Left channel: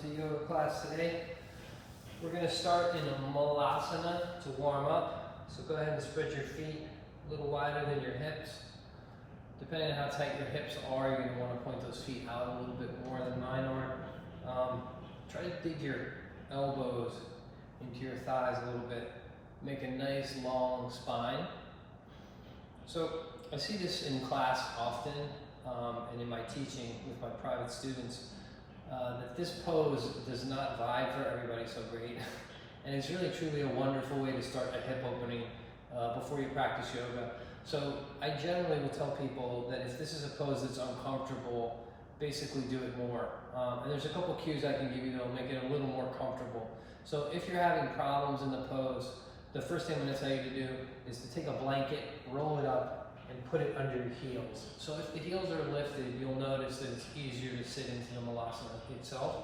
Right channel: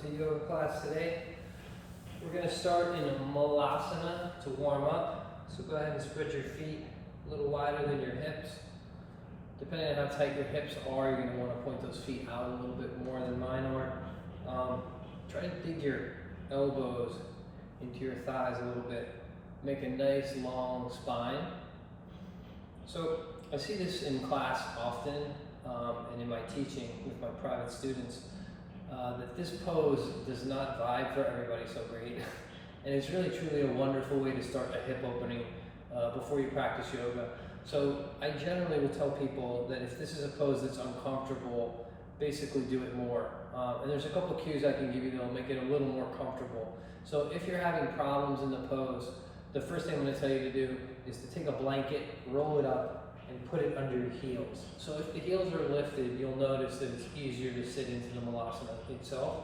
to yoga class today. We're going to start in a Malasana to warm up. So go ahead and spread your feet a little wider than your hips. Depending on how tight your hips are, you're going to want to point those feet out a little bit more than mine are. Try to dig your elbows into your thighs a little bit. Make a nice long spine. So I see this in class often and in my teaching with my private students. That this pose does not vibe for everybody so great. And it's really truly a wonderful way to start a hip opening before you practice yoga. So I generally would tell people that if this is a pose that's uncomfortable, basically do it more. And there's a couple cues I can give you that'll make it a little more comfortable. So if you're having problems in the pose, the first thing I'm going to tell you to do is to take a blanket, roll it up, and put it under your heels. So if the heels are lifted, you'll notice that it's easier to sit into the Malasana itself.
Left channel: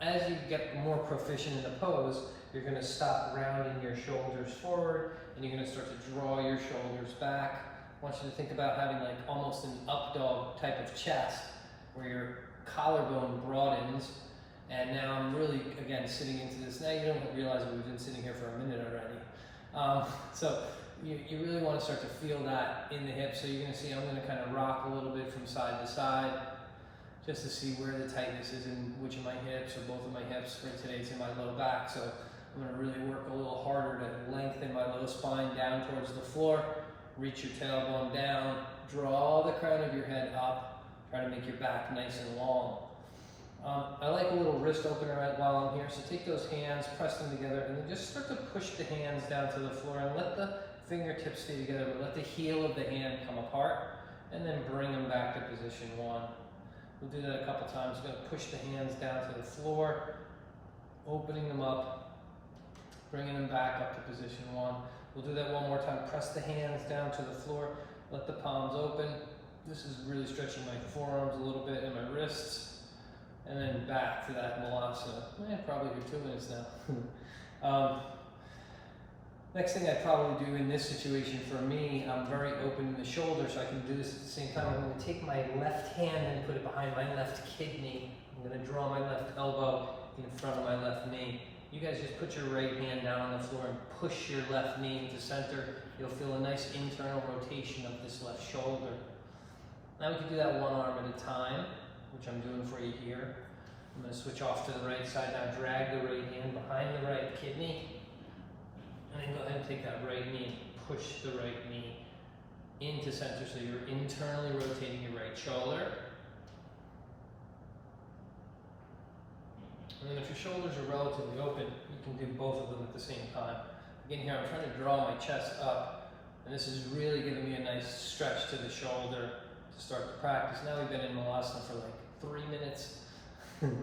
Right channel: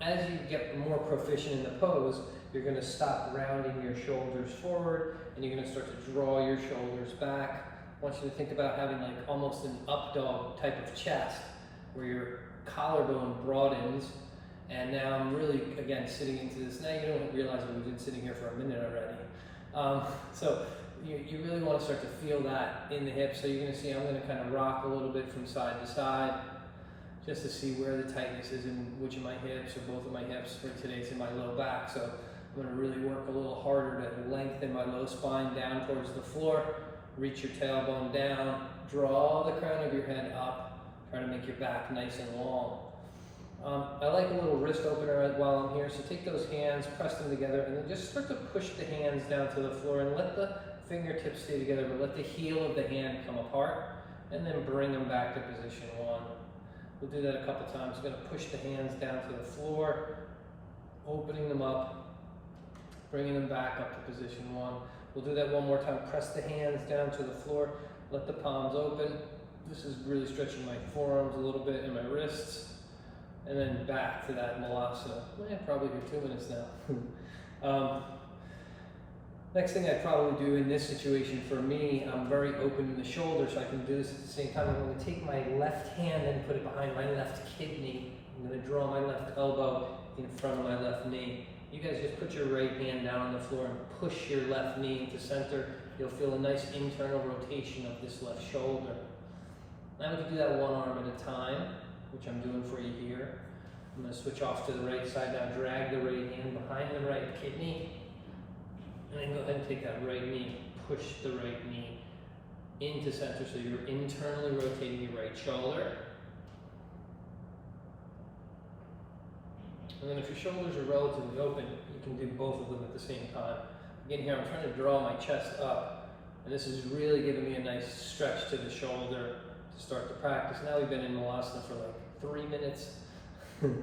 As you get more proficient in the pose, you're going to stop rounding your shoulders forward, and you're going to start to draw your shoulders back. I want you to think about having like almost an up dog type of chest, where your collarbone broadens. And now I'm really, again, sitting into this. Now you don't realize that we've been sitting here for a minute already. So you really want to start to feel that in the hips. So you're going to see I'm going to kind of rock a little bit from side to side, just to see where the tightness is in which of my hips or both of my hips. For today, it's in my low back. So I'm going to really work a little harder to lengthen my low spine down towards the floor. Reach your tailbone down. Draw the crown of your head up. Try to make your back nice and long. I like a little wrist opener while I'm here, so take those hands, press them together, and then just start to push the hands down to the floor and let the fingertips stay together, but let the heel of the hand come apart, and then bring them back to position one. We'll do that a couple times. We're going to push the hands down to the floor, opening them up, bringing them back up to position one. We'll do that one more time. Press the hands down to the floor, let the palms open. This is really stretching my forearms a little bit and my wrists. And then back to that Malasana. Probably do 2 minutes now. Next thing I'd probably do in this situation for me, I'm very open in the shoulder, so I can do this at the same time. I'm going to take my left hand and put it behind my left kidney. I'm going to draw my left elbow in front of my left knee. You guys just put your right hand down on the floor and push your left knee into center. You'll feel a nice internal rotation of this left shoulder. Now we can do that one arm at a time, which I'm doing for you here. I'm going to switch off to the right side now. Drag the right hand behind the right kidney. And then go ahead and take that right knee. Push the right knee into center so you're internally rotating your right shoulder. And then if your shoulders are relatively open, you can do both of them at the same time. Again, here I'm trying to draw my chest up. And this is really giving me a nice stretch to the shoulder to start the practice. Now we've been in Malasana for like 3 minutes. And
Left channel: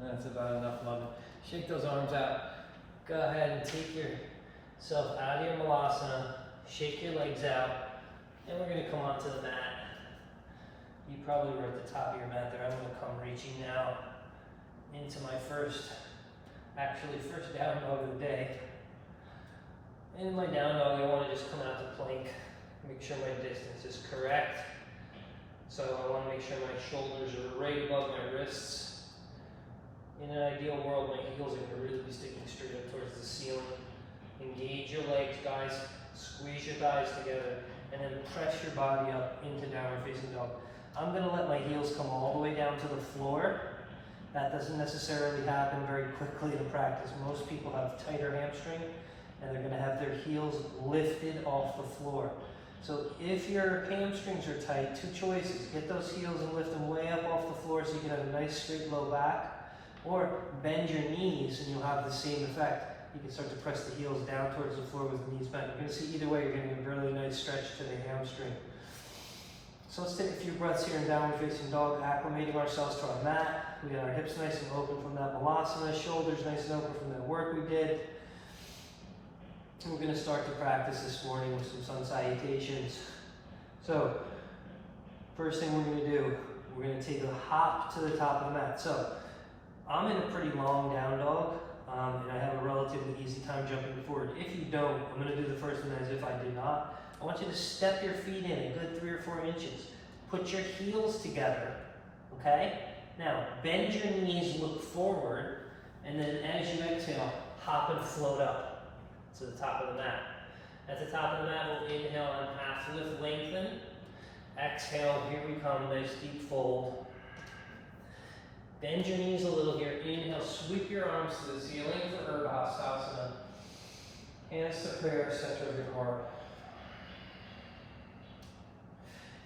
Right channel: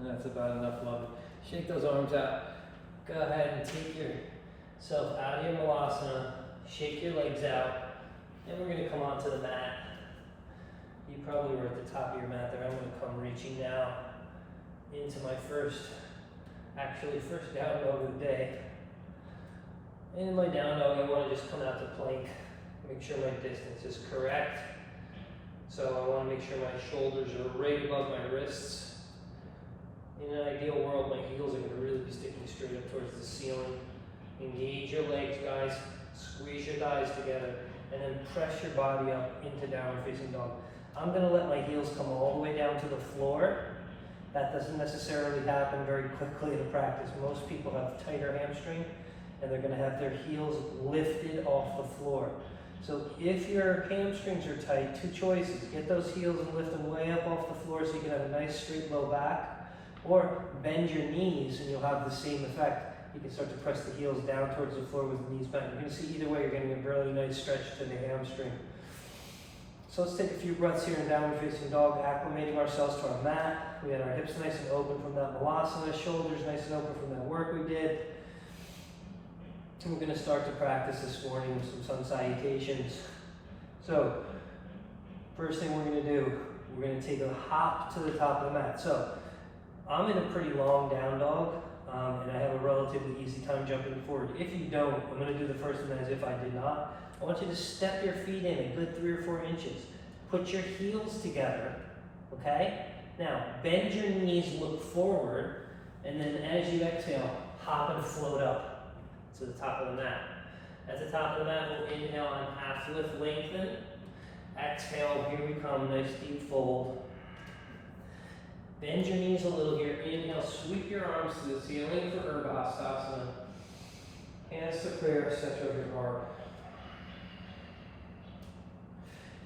that's about enough love. Shake those arms out. Go ahead and take yourself out of your Malasana. Shake your legs out. And we're going to come onto the mat. You probably were at the top of your mat there. I'm going to come reaching now into my first down dog of the day. And in my down dog, I want to just come out to plank. Make sure my distance is correct. So I want to make sure my shoulders are right above my wrists. In an ideal world, my heels are going to really be sticking straight up towards the ceiling. Engage your legs, guys. Squeeze your thighs together. And then press your body up into downward facing dog. I'm going to let my heels come all the way down to the floor. That doesn't necessarily happen very quickly in practice. Most people have tighter hamstring, and they're going to have their heels lifted off the floor. So if your hamstrings are tight, 2 choices. Get those heels and lift them way up off the floor so you can have a nice straight low back. Or bend your knees and you'll have the same effect. You can start to press the heels down towards the floor with the knees bent. You're going to see either way, you're getting a really nice stretch to the hamstring. So let's take a few breaths here in downward facing dog, acclimating ourselves to our mat. We got our hips nice and open from that Malasana, shoulders nice and open from that work we did. And we're going to start to practice this morning with some sun salutations. So, first thing we're going to do, we're going to take a hop to the top of the mat. So, I'm in a pretty long down dog, and I have a relatively easy time jumping forward. If you don't, I'm going to do the first one as if I did not. I want you to step your feet in a good 3 or 4 inches. Put your heels together okay? Now, bend your knees, look forward, and then as you exhale, hop and float up to the top of the mat. At the top of the mat, we'll inhale on half lift, lengthen. Exhale, here we come, nice deep fold. Bend your knees a little here. Inhale, sweep your arms to the ceiling for Urdhva Hastasana. Hands to prayer, center of your heart.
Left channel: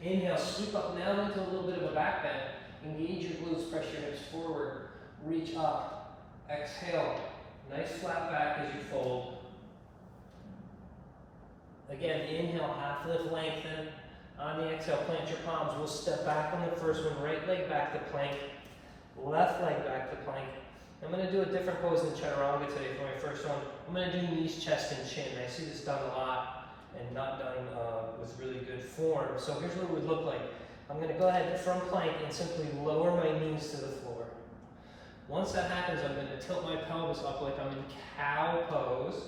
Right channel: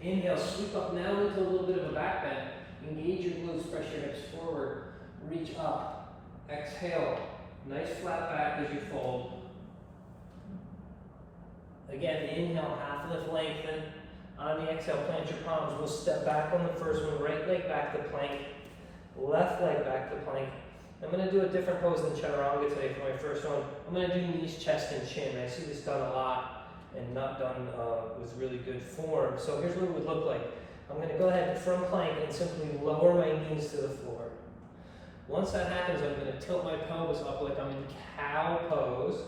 Inhale, sweep up now into a little bit of a back bend. Engage your glutes, press your hips forward. Reach up. Exhale, nice flat back as you fold. Again, inhale, half lift, lengthen. On the exhale, plant your palms. We'll step back on the first one, right leg back to plank, left leg back to plank. I'm going to do a different pose than Chaturanga today for my first one. I'm going to do knees, chest, and chin. I see this done a lot and not done with really good form. So here's what it would look like. I'm going to go ahead from plank and simply lower my knees to the floor. Once that happens, I'm going to tilt my pelvis up like I'm in cow pose,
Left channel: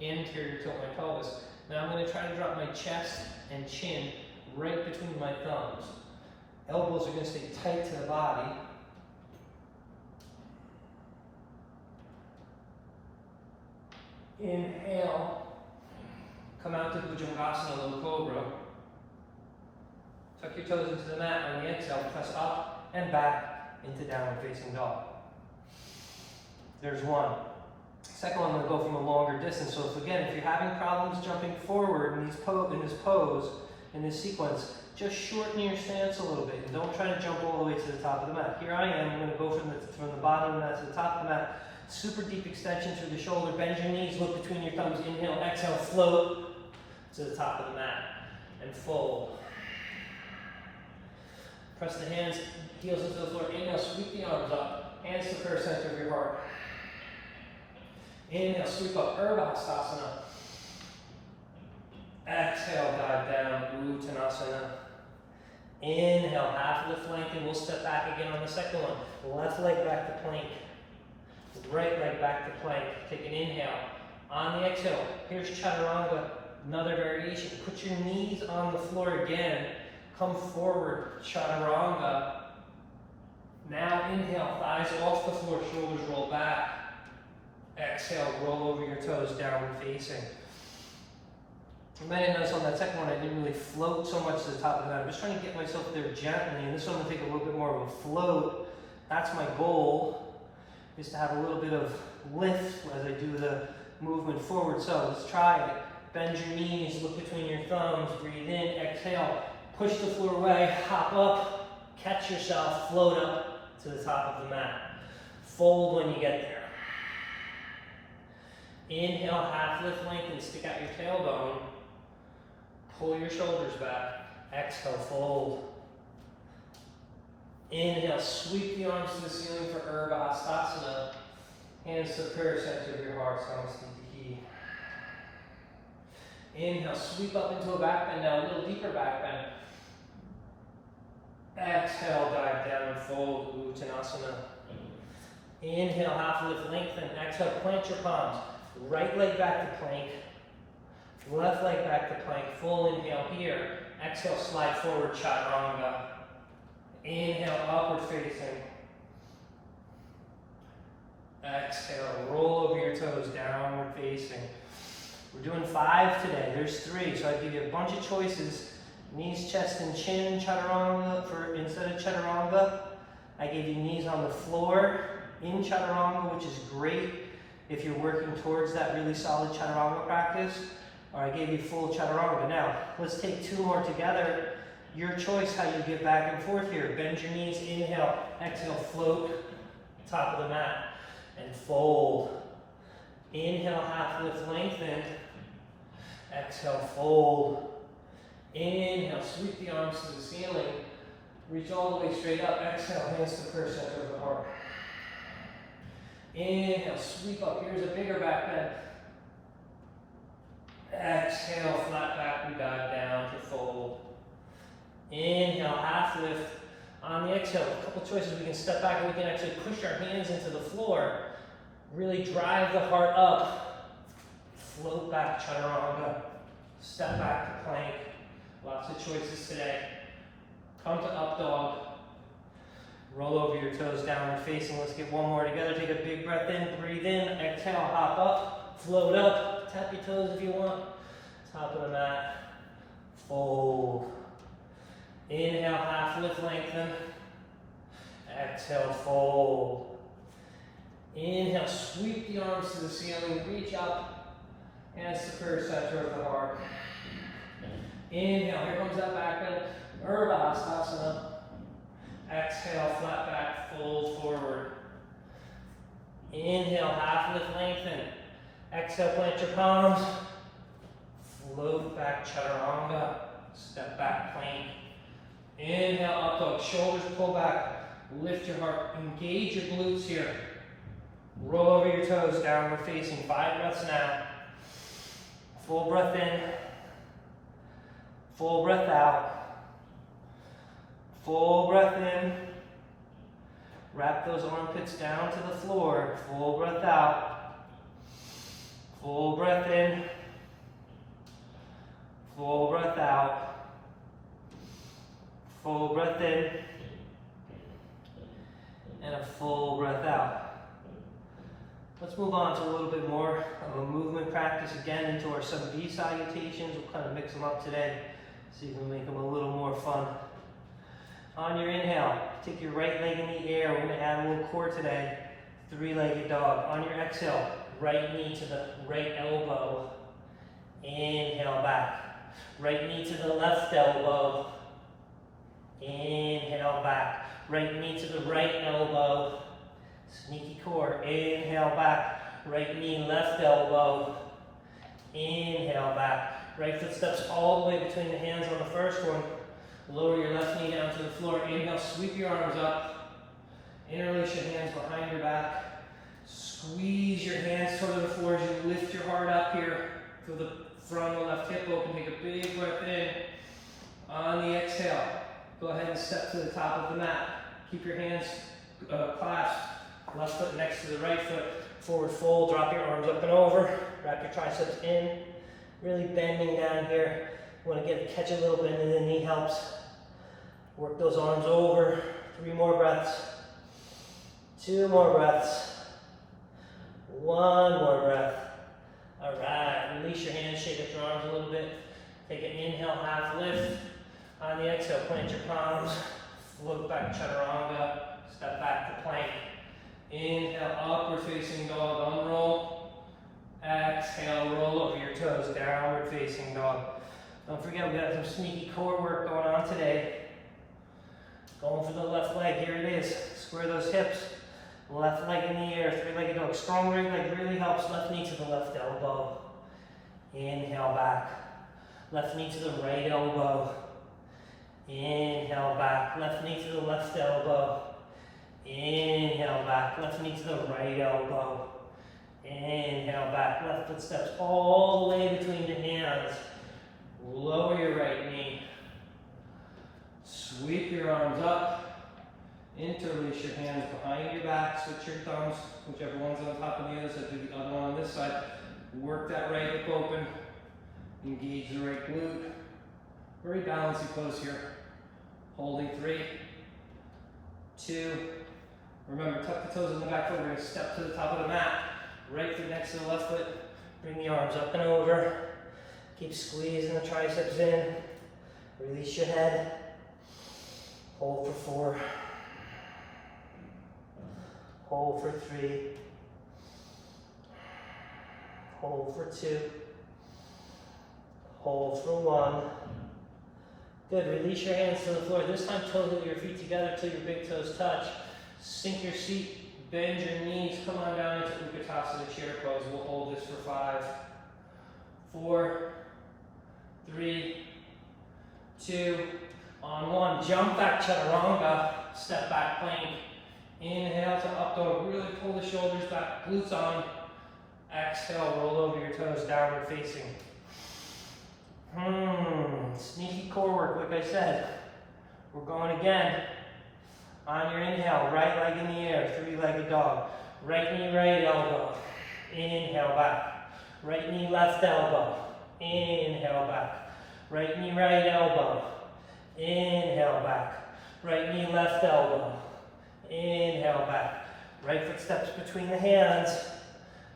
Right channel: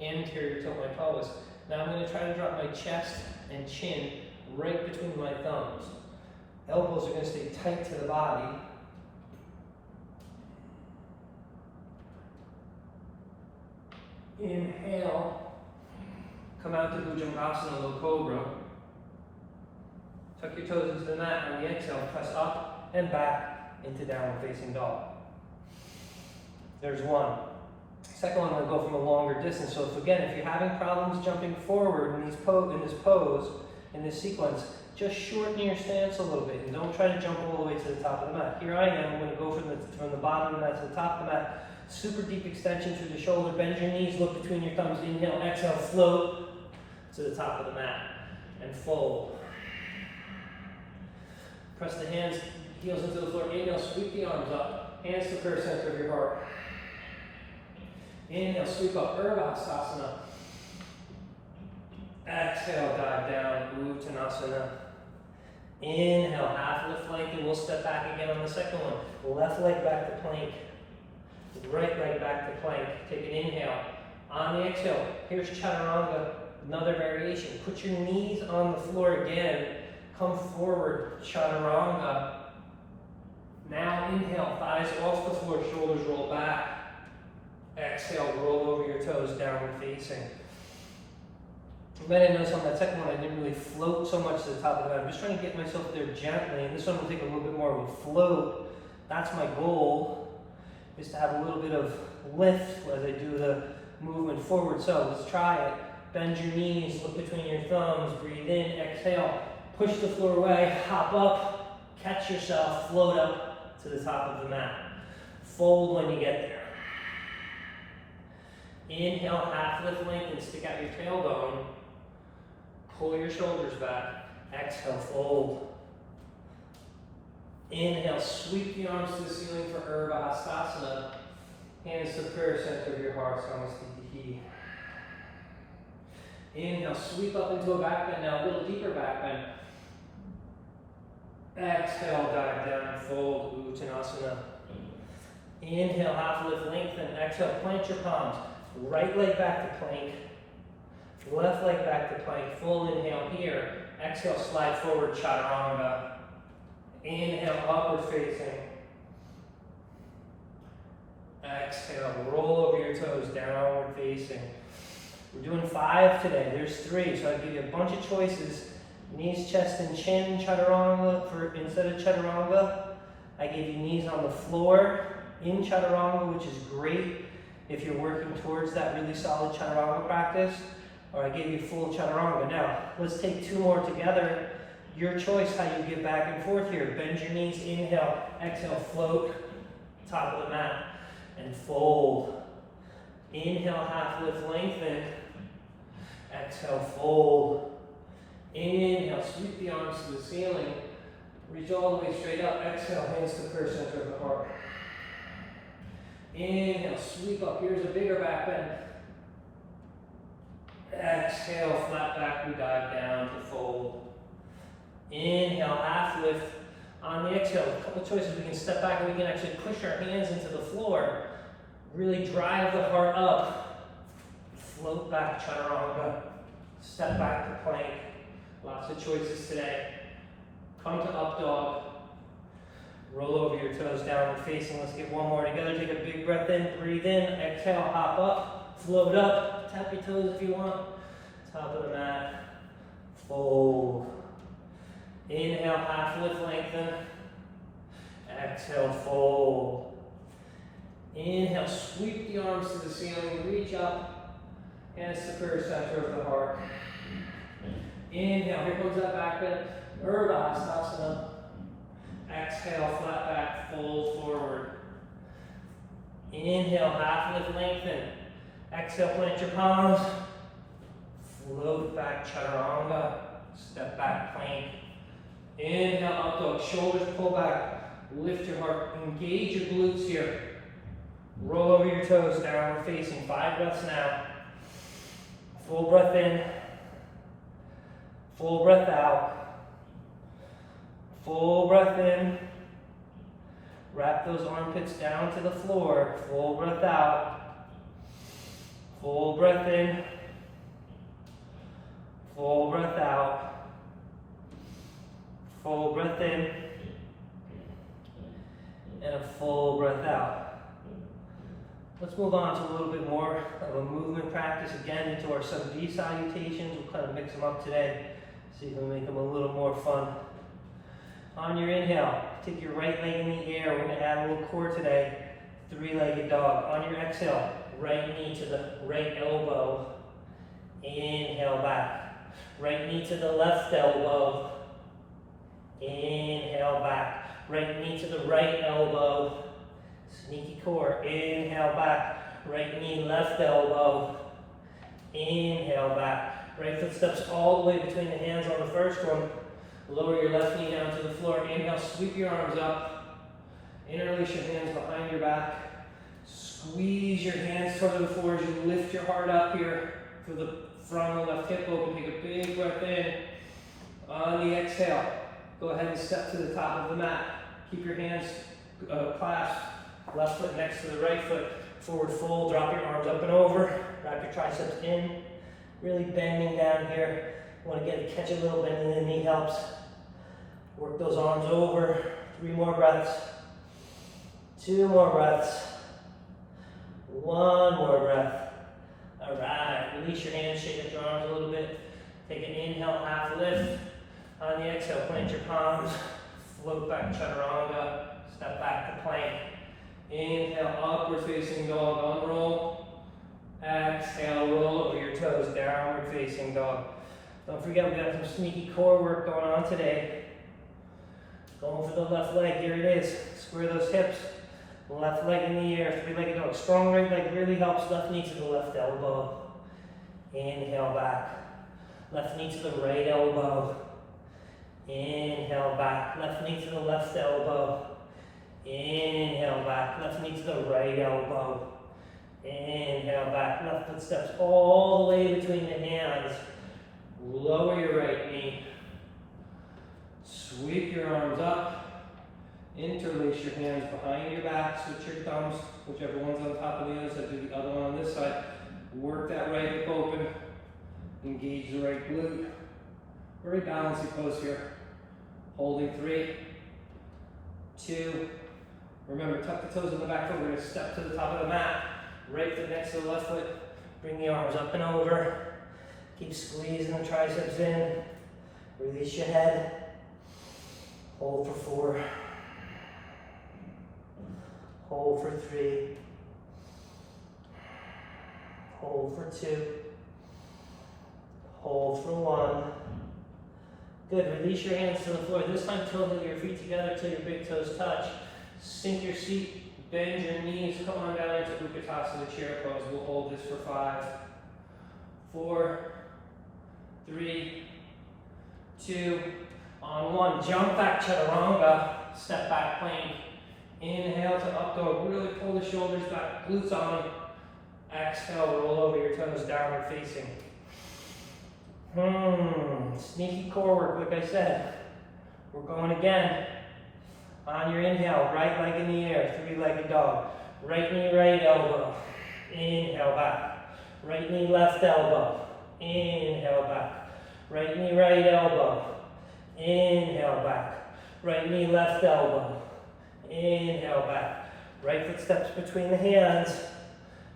anterior tilt my pelvis. Now I'm going to try to drop my chest and chin right between my thumbs. Elbows are going to stay tight to the body. Inhale, come out to Bhujangasana, low cobra. Tuck your toes into the mat. On the exhale, press up and back into downward facing dog. There's one. Second one, I'm going to go from a longer distance. So if you're having problems jumping forward in this pose, in this sequence, just shorten your stance a little bit and don't try to jump all the way to the top of the mat. Here I am. I'm going to go from the bottom of the mat to the top of the mat. Super deep extension through the shoulder. Bend your knees, look between your thumbs. Inhale, exhale, float to the top of the mat and fold. Press the hands, heels into the floor. Inhale, sweep the arms up. Hands to prayer, center of your heart. Inhale, sweep up, Urdhva Hastasana. Exhale, dive down, Uttanasana. Inhale, half lift, lengthen. We'll step back again on the second one. Left leg back to plank. Right leg back to plank. Take an inhale. On the exhale, here's Chaturanga, another variation. Put your knees on the floor again. Come forward, Chaturanga. Now inhale, thighs off the floor, shoulders roll back. Exhale, roll over your toes, downward facing. You might have noticed on that second one, I didn't really float so much to the top of the mat. I'm just trying to get myself there gently, and this one will take a little bit more of a float. That's my goal, is to have a little bit of lift as I do the movement forward. So let's try it. Bend your knees, look between your thumbs, breathe in, exhale, push the floor away, hop up, catch yourself, float up to the top of the mat. Fold when you get there. Inhale, half lift, lengthen, stick out your tailbone. Pull your shoulders back. Exhale, fold. Inhale, sweep the arms to the ceiling for Urdhva Hastasana. Hands to the prayer center of your heart, Samastitihi. Inhale, sweep up into a back bend now, a little deeper back bend. Exhale, dive down and fold, Uttanasana. Inhale, half lift, lengthen. Exhale, plant your palms. Right leg back to plank. Left leg back to plank. Full inhale here. Exhale, slide forward, Chaturanga. Inhale, upward facing. Exhale, roll over your toes, downward facing. We're doing 5 today. There's 3, so I give you a bunch of choices. Knees, chest, and chin, Chaturanga. Instead of Chaturanga, I gave you knees on the floor in Chaturanga, which is great if you're working towards that really solid Chaturanga practice, or I gave you full Chaturanga. Now, let's take 2 more together. Your choice how you get back and forth here. Bend your knees, inhale, exhale, float, top of the mat, and fold. Inhale, half lift, lengthen. Exhale, fold. Inhale, sweep the arms to the ceiling. Reach all the way straight up. Exhale, hands to prayer center of the heart. Inhale, sweep up. Here's a bigger back bend. Exhale, flat back, we dive down to fold. Inhale, half lift. On the exhale, a couple choices. We can step back and we can actually push our hands into the floor. Really drive the heart up. Float back, Chaturanga. Step back to plank. Lots of choices today. Come to up dog. Roll over your toes, downward facing. Let's get one more together. Take a big breath in, breathe in, exhale, hop up, float up, tap your toes if you want. Top of the mat, fold. Inhale, half lift, lengthen. Exhale, fold. Inhale, sweep the arms to the ceiling, reach up, hands to the center of the heart. Inhale, here comes that back bend, Malasana. Exhale, flat back, fold forward. Inhale, half lift, lengthen. Exhale, plant your palms. Float back, chaturanga. Step back, plank. Inhale, up dog, shoulders pull back. Lift your heart, engage your glutes here. Roll over your toes, downward facing. 5 breaths now. Full breath in. Full breath out. Full breath in. Wrap those armpits down to the floor. Full breath out. Full breath in. Full breath out. Full breath in. And a full breath out. Let's move on to a little bit more of a movement practice again into our some V salutations. We'll kind of mix them up today. See if we can make them a little more fun. On your inhale, take your right leg in the air. We're going to add a little core today. 3-legged dog. On your exhale, right knee to the right elbow. Inhale back. Right knee to the left elbow. Inhale back. Right knee to the right elbow. Sneaky core. Inhale back. Right knee, left elbow. Inhale back. Right foot steps all the way between the hands on the first one. Lower your left knee down to the floor. Inhale, sweep your arms up. Interlace your hands behind your back. Squeeze your hands toward the floor as you lift your heart up here. Feel the frontal left hip open. Take a big breath in. On the exhale, go ahead and step to the top of the mat. Keep your hands clasped. Left foot next to the right foot. Forward fold. Drop your arms up and over. Wrap your triceps in. Really bending down here. You want to catch a little bend in the knee helps. Work those arms over. 3 more breaths. 2 more breaths. 1 more breath. All right. Release your hands. Shake up your arms a little bit. Take an inhale, half lift. On the exhale, plant your palms. Float back, chaturanga. Step back to plank. Inhale, upward facing dog, unroll. Exhale, roll over your toes, downward facing dog. Don't forget, we got some sneaky core work going on today. Going for the left leg, here it is. Square those hips. Left leg in the air, 3-legged dog. Strong right leg really helps. Left knee to the left elbow. Inhale back. Left knee to the right elbow. Inhale back. Left knee to the left elbow. Inhale back. Left knee to the right elbow. Inhale back. Left foot steps all the way between the hands. Lower your right knee. Sweep your arms up. Interlace your hands behind your back. Switch your thumbs. Whichever one's on top of the other side, do the other one on this side. Work that right hip open. Engage the right glute. Very balanced pose here. Holding 3, 2. Remember, tuck the toes in the back foot. We're going to step to the top of the mat. Right foot next to the left foot. Bring the arms up and over. Keep squeezing the triceps in. Release your head. Hold for 4. Hold for 3. Hold for 2. Hold for 1. Good, release your hands to the floor. This time toe your feet together till your big toes touch. Sink your seat, bend your knees, come on down into Utkatasana chair pose. We'll hold this for 5, 4, 3, 2, on 1. Jump back, chaturanga, step back plank. Inhale to up dog, really pull the shoulders back, glutes on. Exhale, roll over your toes, downward facing. Sneaky core work, like I said. We're going again. On your inhale, right leg in the air, 3-legged dog. Right knee, right elbow. Inhale back. Right knee, left elbow. Inhale back. Right knee, right elbow. Inhale back. Right knee, left elbow. Inhale back. Right foot steps between the hands.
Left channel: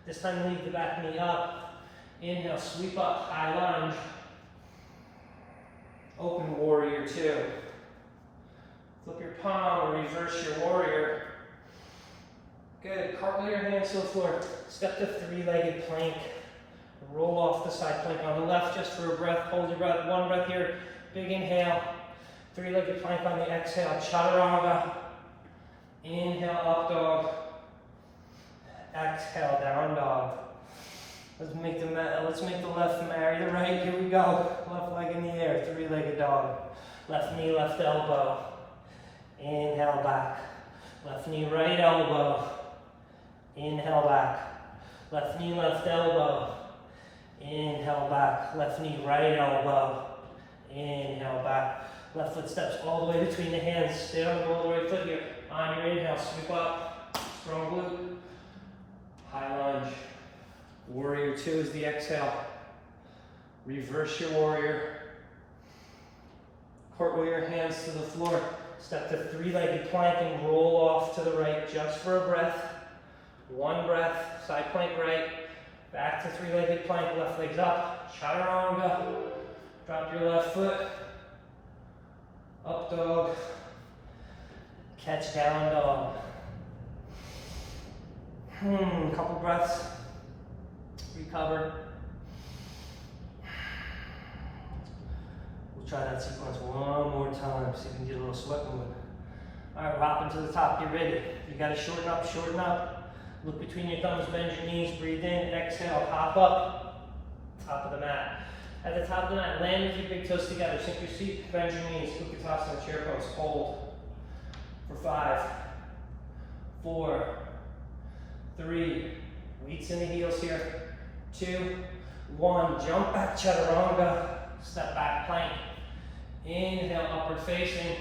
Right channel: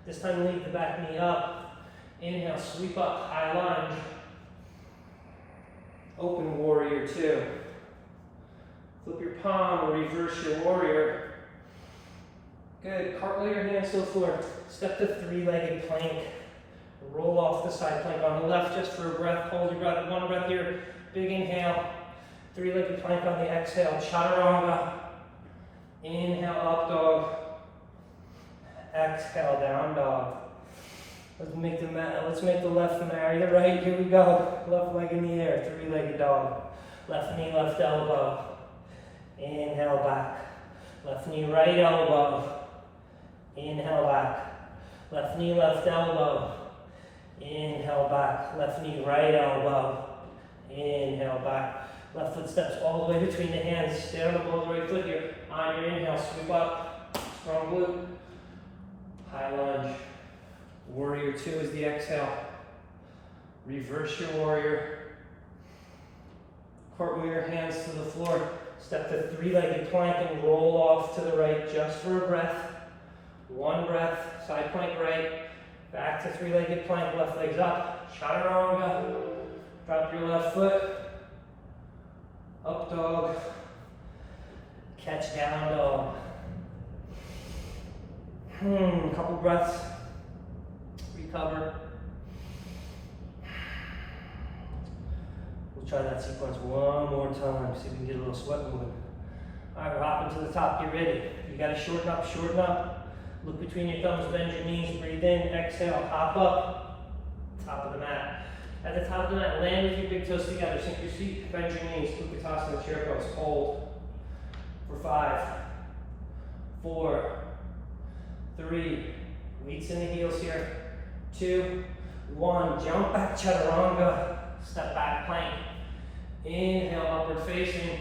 This time lead the back knee up. Inhale, sweep up, high lunge. Open warrior two. Flip your palm or reverse your warrior. Good, cartwheel your hands to the floor. Step to three-legged plank. Roll off the side plank on the left just for a breath. Hold your breath, one breath here. Big inhale. Three-legged plank on the exhale. Chaturanga. Inhale, up dog. Exhale, down dog. Let's make the left marry the right. Here we go. Left leg in the air. Three-legged dog. Left knee, left elbow. Inhale back. Left knee, right elbow. Inhale back. Left knee, left elbow. Inhale back. Left knee, right elbow. Inhale back. Left foot steps all the way between the hands. Stay on the ball of the right foot here. On your inhale, sweep up. Strong glute. High lunge. Warrior two is the exhale. Reverse your warrior. Cartwheel your hands to the floor. Step to three-legged plank and roll off to the right just for a breath. One breath, side plank right. Back to three-legged plank, left leg's up. Chaturanga. Drop your left foot. Up dog. Catch down dog. Couple breaths. Recover. We'll try that sequence one more time. See if we can get a little sweat moving. All right, we're hopping to the top. Get ready. You got to shorten up, shorten up. Look between your thumbs, bend your knees, breathe in, exhale, hop up. Top of the mat. At the top of the mat, land with your big toes together. Sink your seat, bend your knees, Utkatasana, chair pose. Hold for 5, 4, 3, weights in the heels here. 2, 1, jump back, chaturanga. Step back, plank. Inhale, upward facing.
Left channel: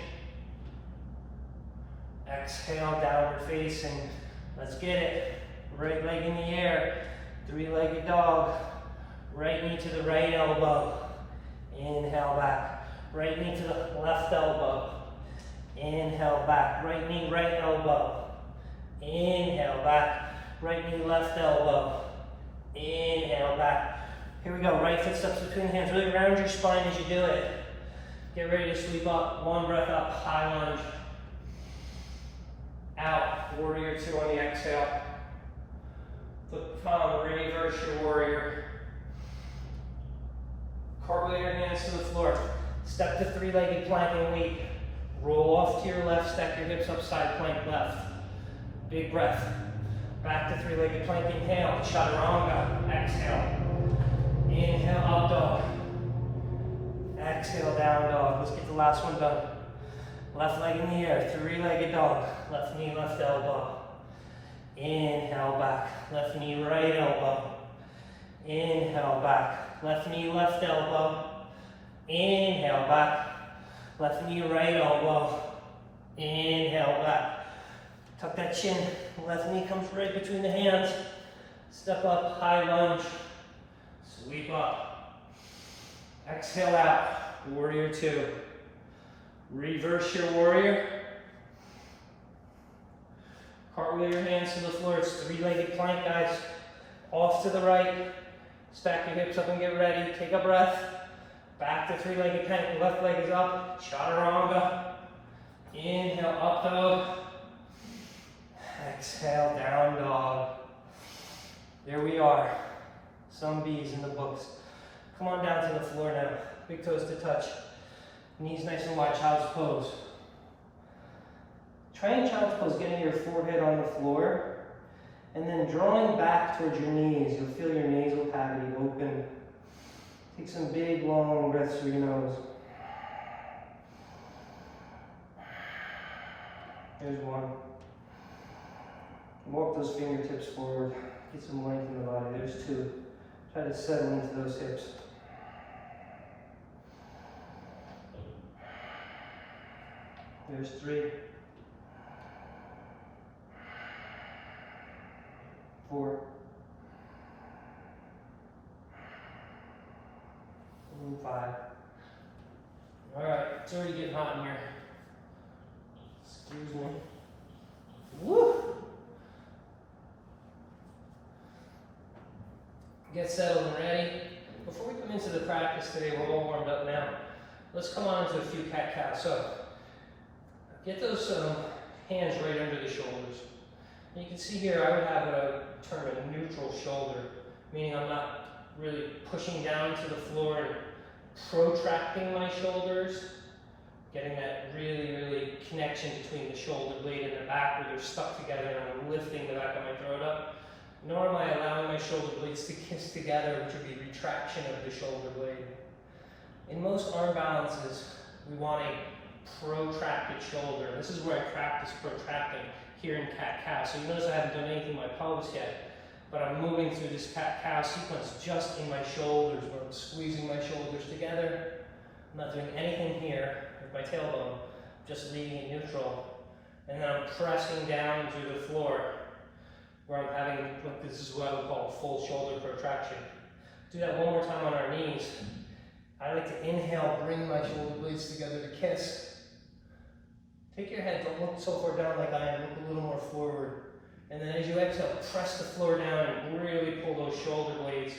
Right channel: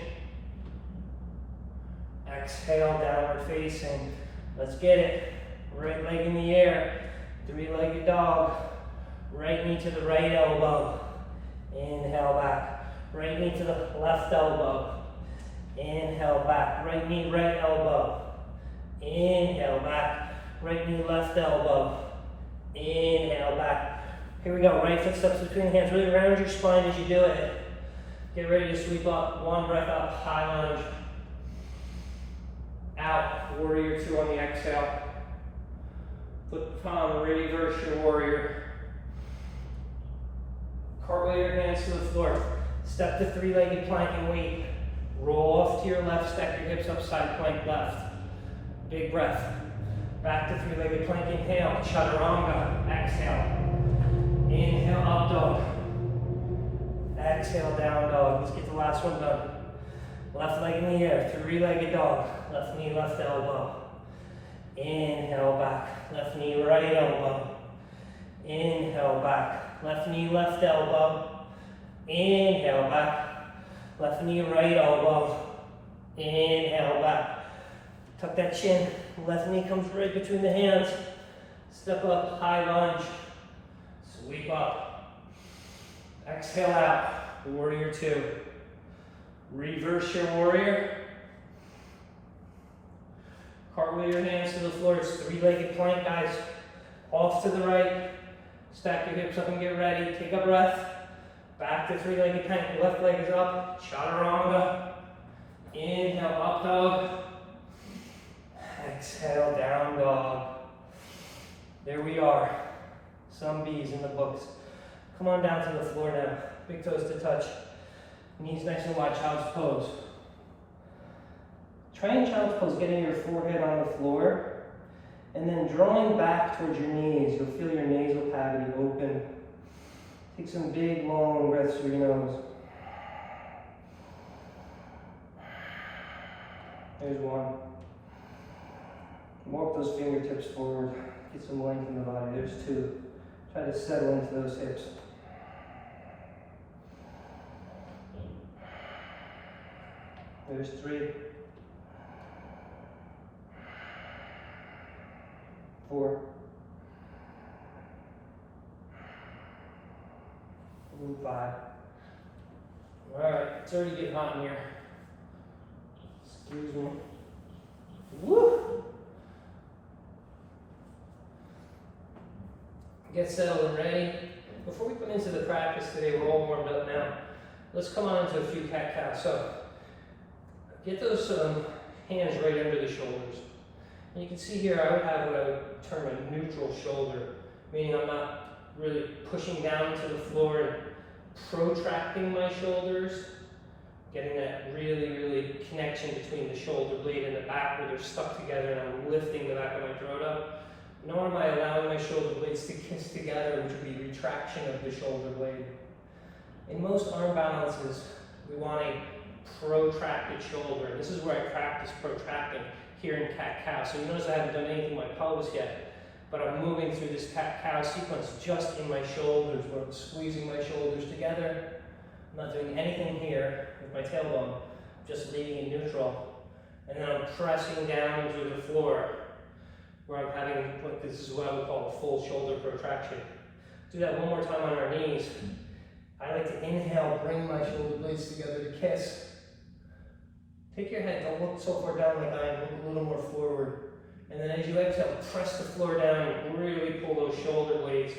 Exhale, downward facing. Let's get it. Right leg in the air. Three-legged dog. Right knee to the right elbow. Inhale back. Right knee to the left elbow. Inhale back. Right knee, right elbow. Inhale back. Right knee, left elbow. Inhale back. Here we go. Right foot steps between the hands. Really round your spine as you do it. Get ready to sweep up. One breath up. High lunge. Out. Warrior two on the exhale. Flip the palm. Reverse your warrior. Cartwheel your hands to the floor. Step to three-legged plank and wait. Roll off to your left. Stack your hips up. Side plank left. Big breath. Back to three-legged plank. Inhale. Chaturanga. Exhale. Inhale, up dog. Exhale, down dog. Let's get the last one done. Left leg in the air, three-legged dog. Left knee, left elbow. Inhale back. Left knee, right elbow. Inhale back. Left knee, left elbow. Inhale back. Left knee, right elbow. Inhale back. Tuck that chin. Left knee comes right between the hands. Step up, high lunge. Sweep up. Exhale out. Warrior two. Reverse your warrior. Cartwheel your hands to the floor. It's three-legged plank, guys. Off to the right. Stack your hips up and get ready. Take a breath. Back to three-legged plank. Left leg is up. Chaturanga. Inhale, up dog. Exhale, down dog. There we are. Some B's in the books. Come on down to the floor now. Big toes to touch. Knees nice and wide, child's pose. Try in child's pose, getting your forehead on the floor, and then drawing back towards your knees. You'll feel your nasal cavity open. Take some big, long breaths through your nose. Here's one. Walk those fingertips forward. Get some length in the body. There's two. Try to settle into those hips. There's 3, 4, and 5. All right, it's already getting hot in here. Excuse me. Get settled and ready. Before we come into the practice today, we're all warmed up now. Let's come on into a few cat-cows. So get those hands right under the shoulders. And you can see here I would have what I would term a neutral shoulder, meaning I'm not really pushing down to the floor and protracting my shoulders, getting that really connection between the shoulder blade and the back where they're stuck together, and I'm lifting the back of my throat up. Nor am I allowing my shoulder blades to kiss together, which would be retraction of the shoulder blade. In most arm balances, we want a protracted shoulder. And this is where I practice protracting here in cat-cow. So you notice I haven't done anything with my pelvis yet, but I'm moving through this cat-cow sequence just in my shoulders, where I'm squeezing my shoulders together. I'm not doing anything here with my tailbone, just leaving it neutral. And then I'm pressing down into the floor, where I'm having this is what I would call a full shoulder protraction. Do that one more time on our knees. I like to inhale, bring my shoulder blades together to kiss. Take your head, don't look so far down like I am, look a little more forward. And then as you exhale, press the floor down and really pull those shoulder blades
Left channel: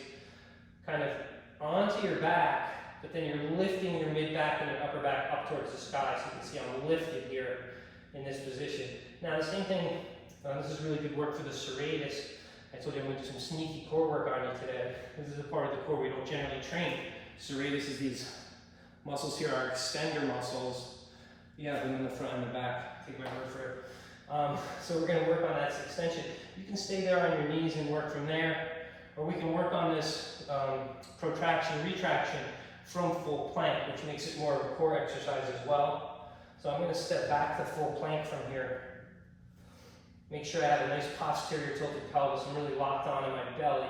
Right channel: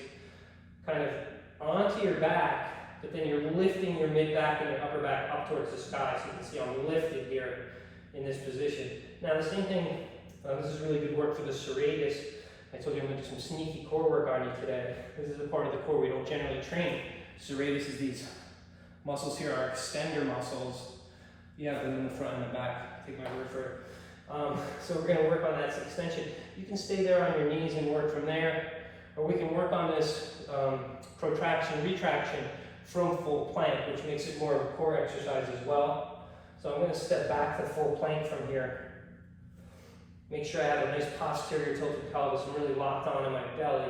kind of onto your back, but then you're lifting your mid-back and your upper back up towards the sky. So you can see I'm lifted here in this position. Now the same thing, this is really good work for the serratus. I told you I'm going to do some sneaky core work on you today. This is a part of the core we don't generally train. Serratus is these muscles here are extender muscles. You have them in the front and the back. Take my word for it. So we're going to work on that extension. You can stay there on your knees and work from there, or we can work on this protraction, retraction from full plank, which makes it more of a core exercise as well. So I'm going to step back to full plank from here. Make sure I have a nice posterior tilted pelvis. I'm really locked on in my belly.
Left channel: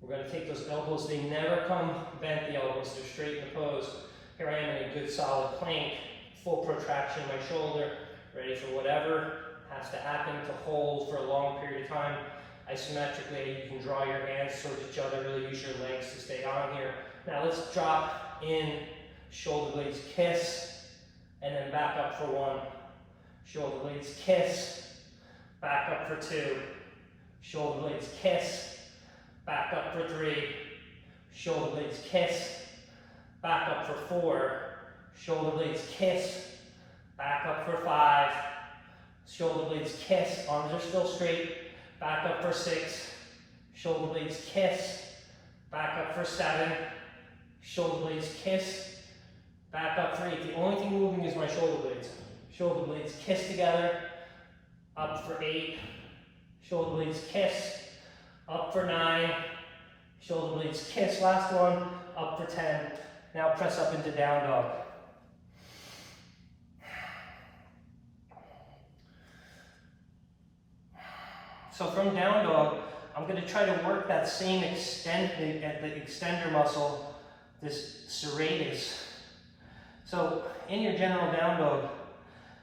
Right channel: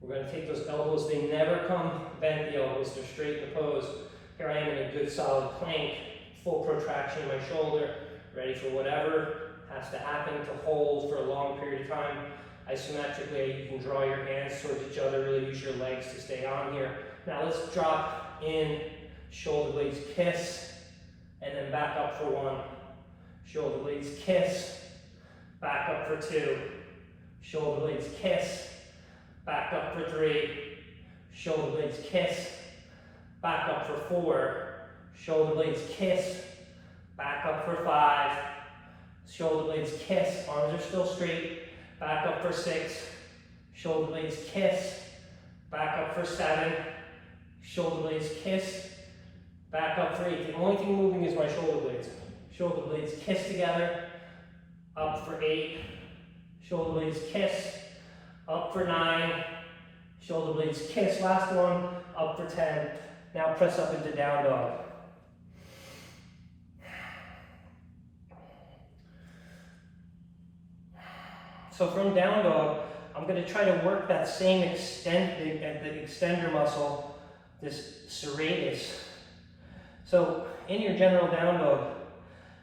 We're going to take those elbows. They never come bent, the elbows. They're straight in the pose. Here I am in a good solid plank. Full protraction in my shoulder. Ready for whatever has to happen to hold for a long period of time. Isometrically, you can draw your hands towards each other. Really use your legs to stay on here. Now let's drop in. Shoulder blades kiss. And then back up for one. Shoulder blades kiss. Back up for two. Shoulder blades kiss. Back up for three. Shoulder blades kiss. Back up for four. Shoulder blades kiss. Back up for five. Shoulder blades kiss. Arms are still straight. Back up for six. Shoulder blades kiss. Back up for seven. Shoulder blades kiss. Back up for eight. The only thing moving is my shoulder blades. Shoulder blades kiss together. Up for 8, shoulder blades kiss, up for 9, shoulder blades kiss, last one, up for 10. Now press up into down dog. So from down dog, I'm going to try to work that same the extender muscle, this serratus. So in your general down dog,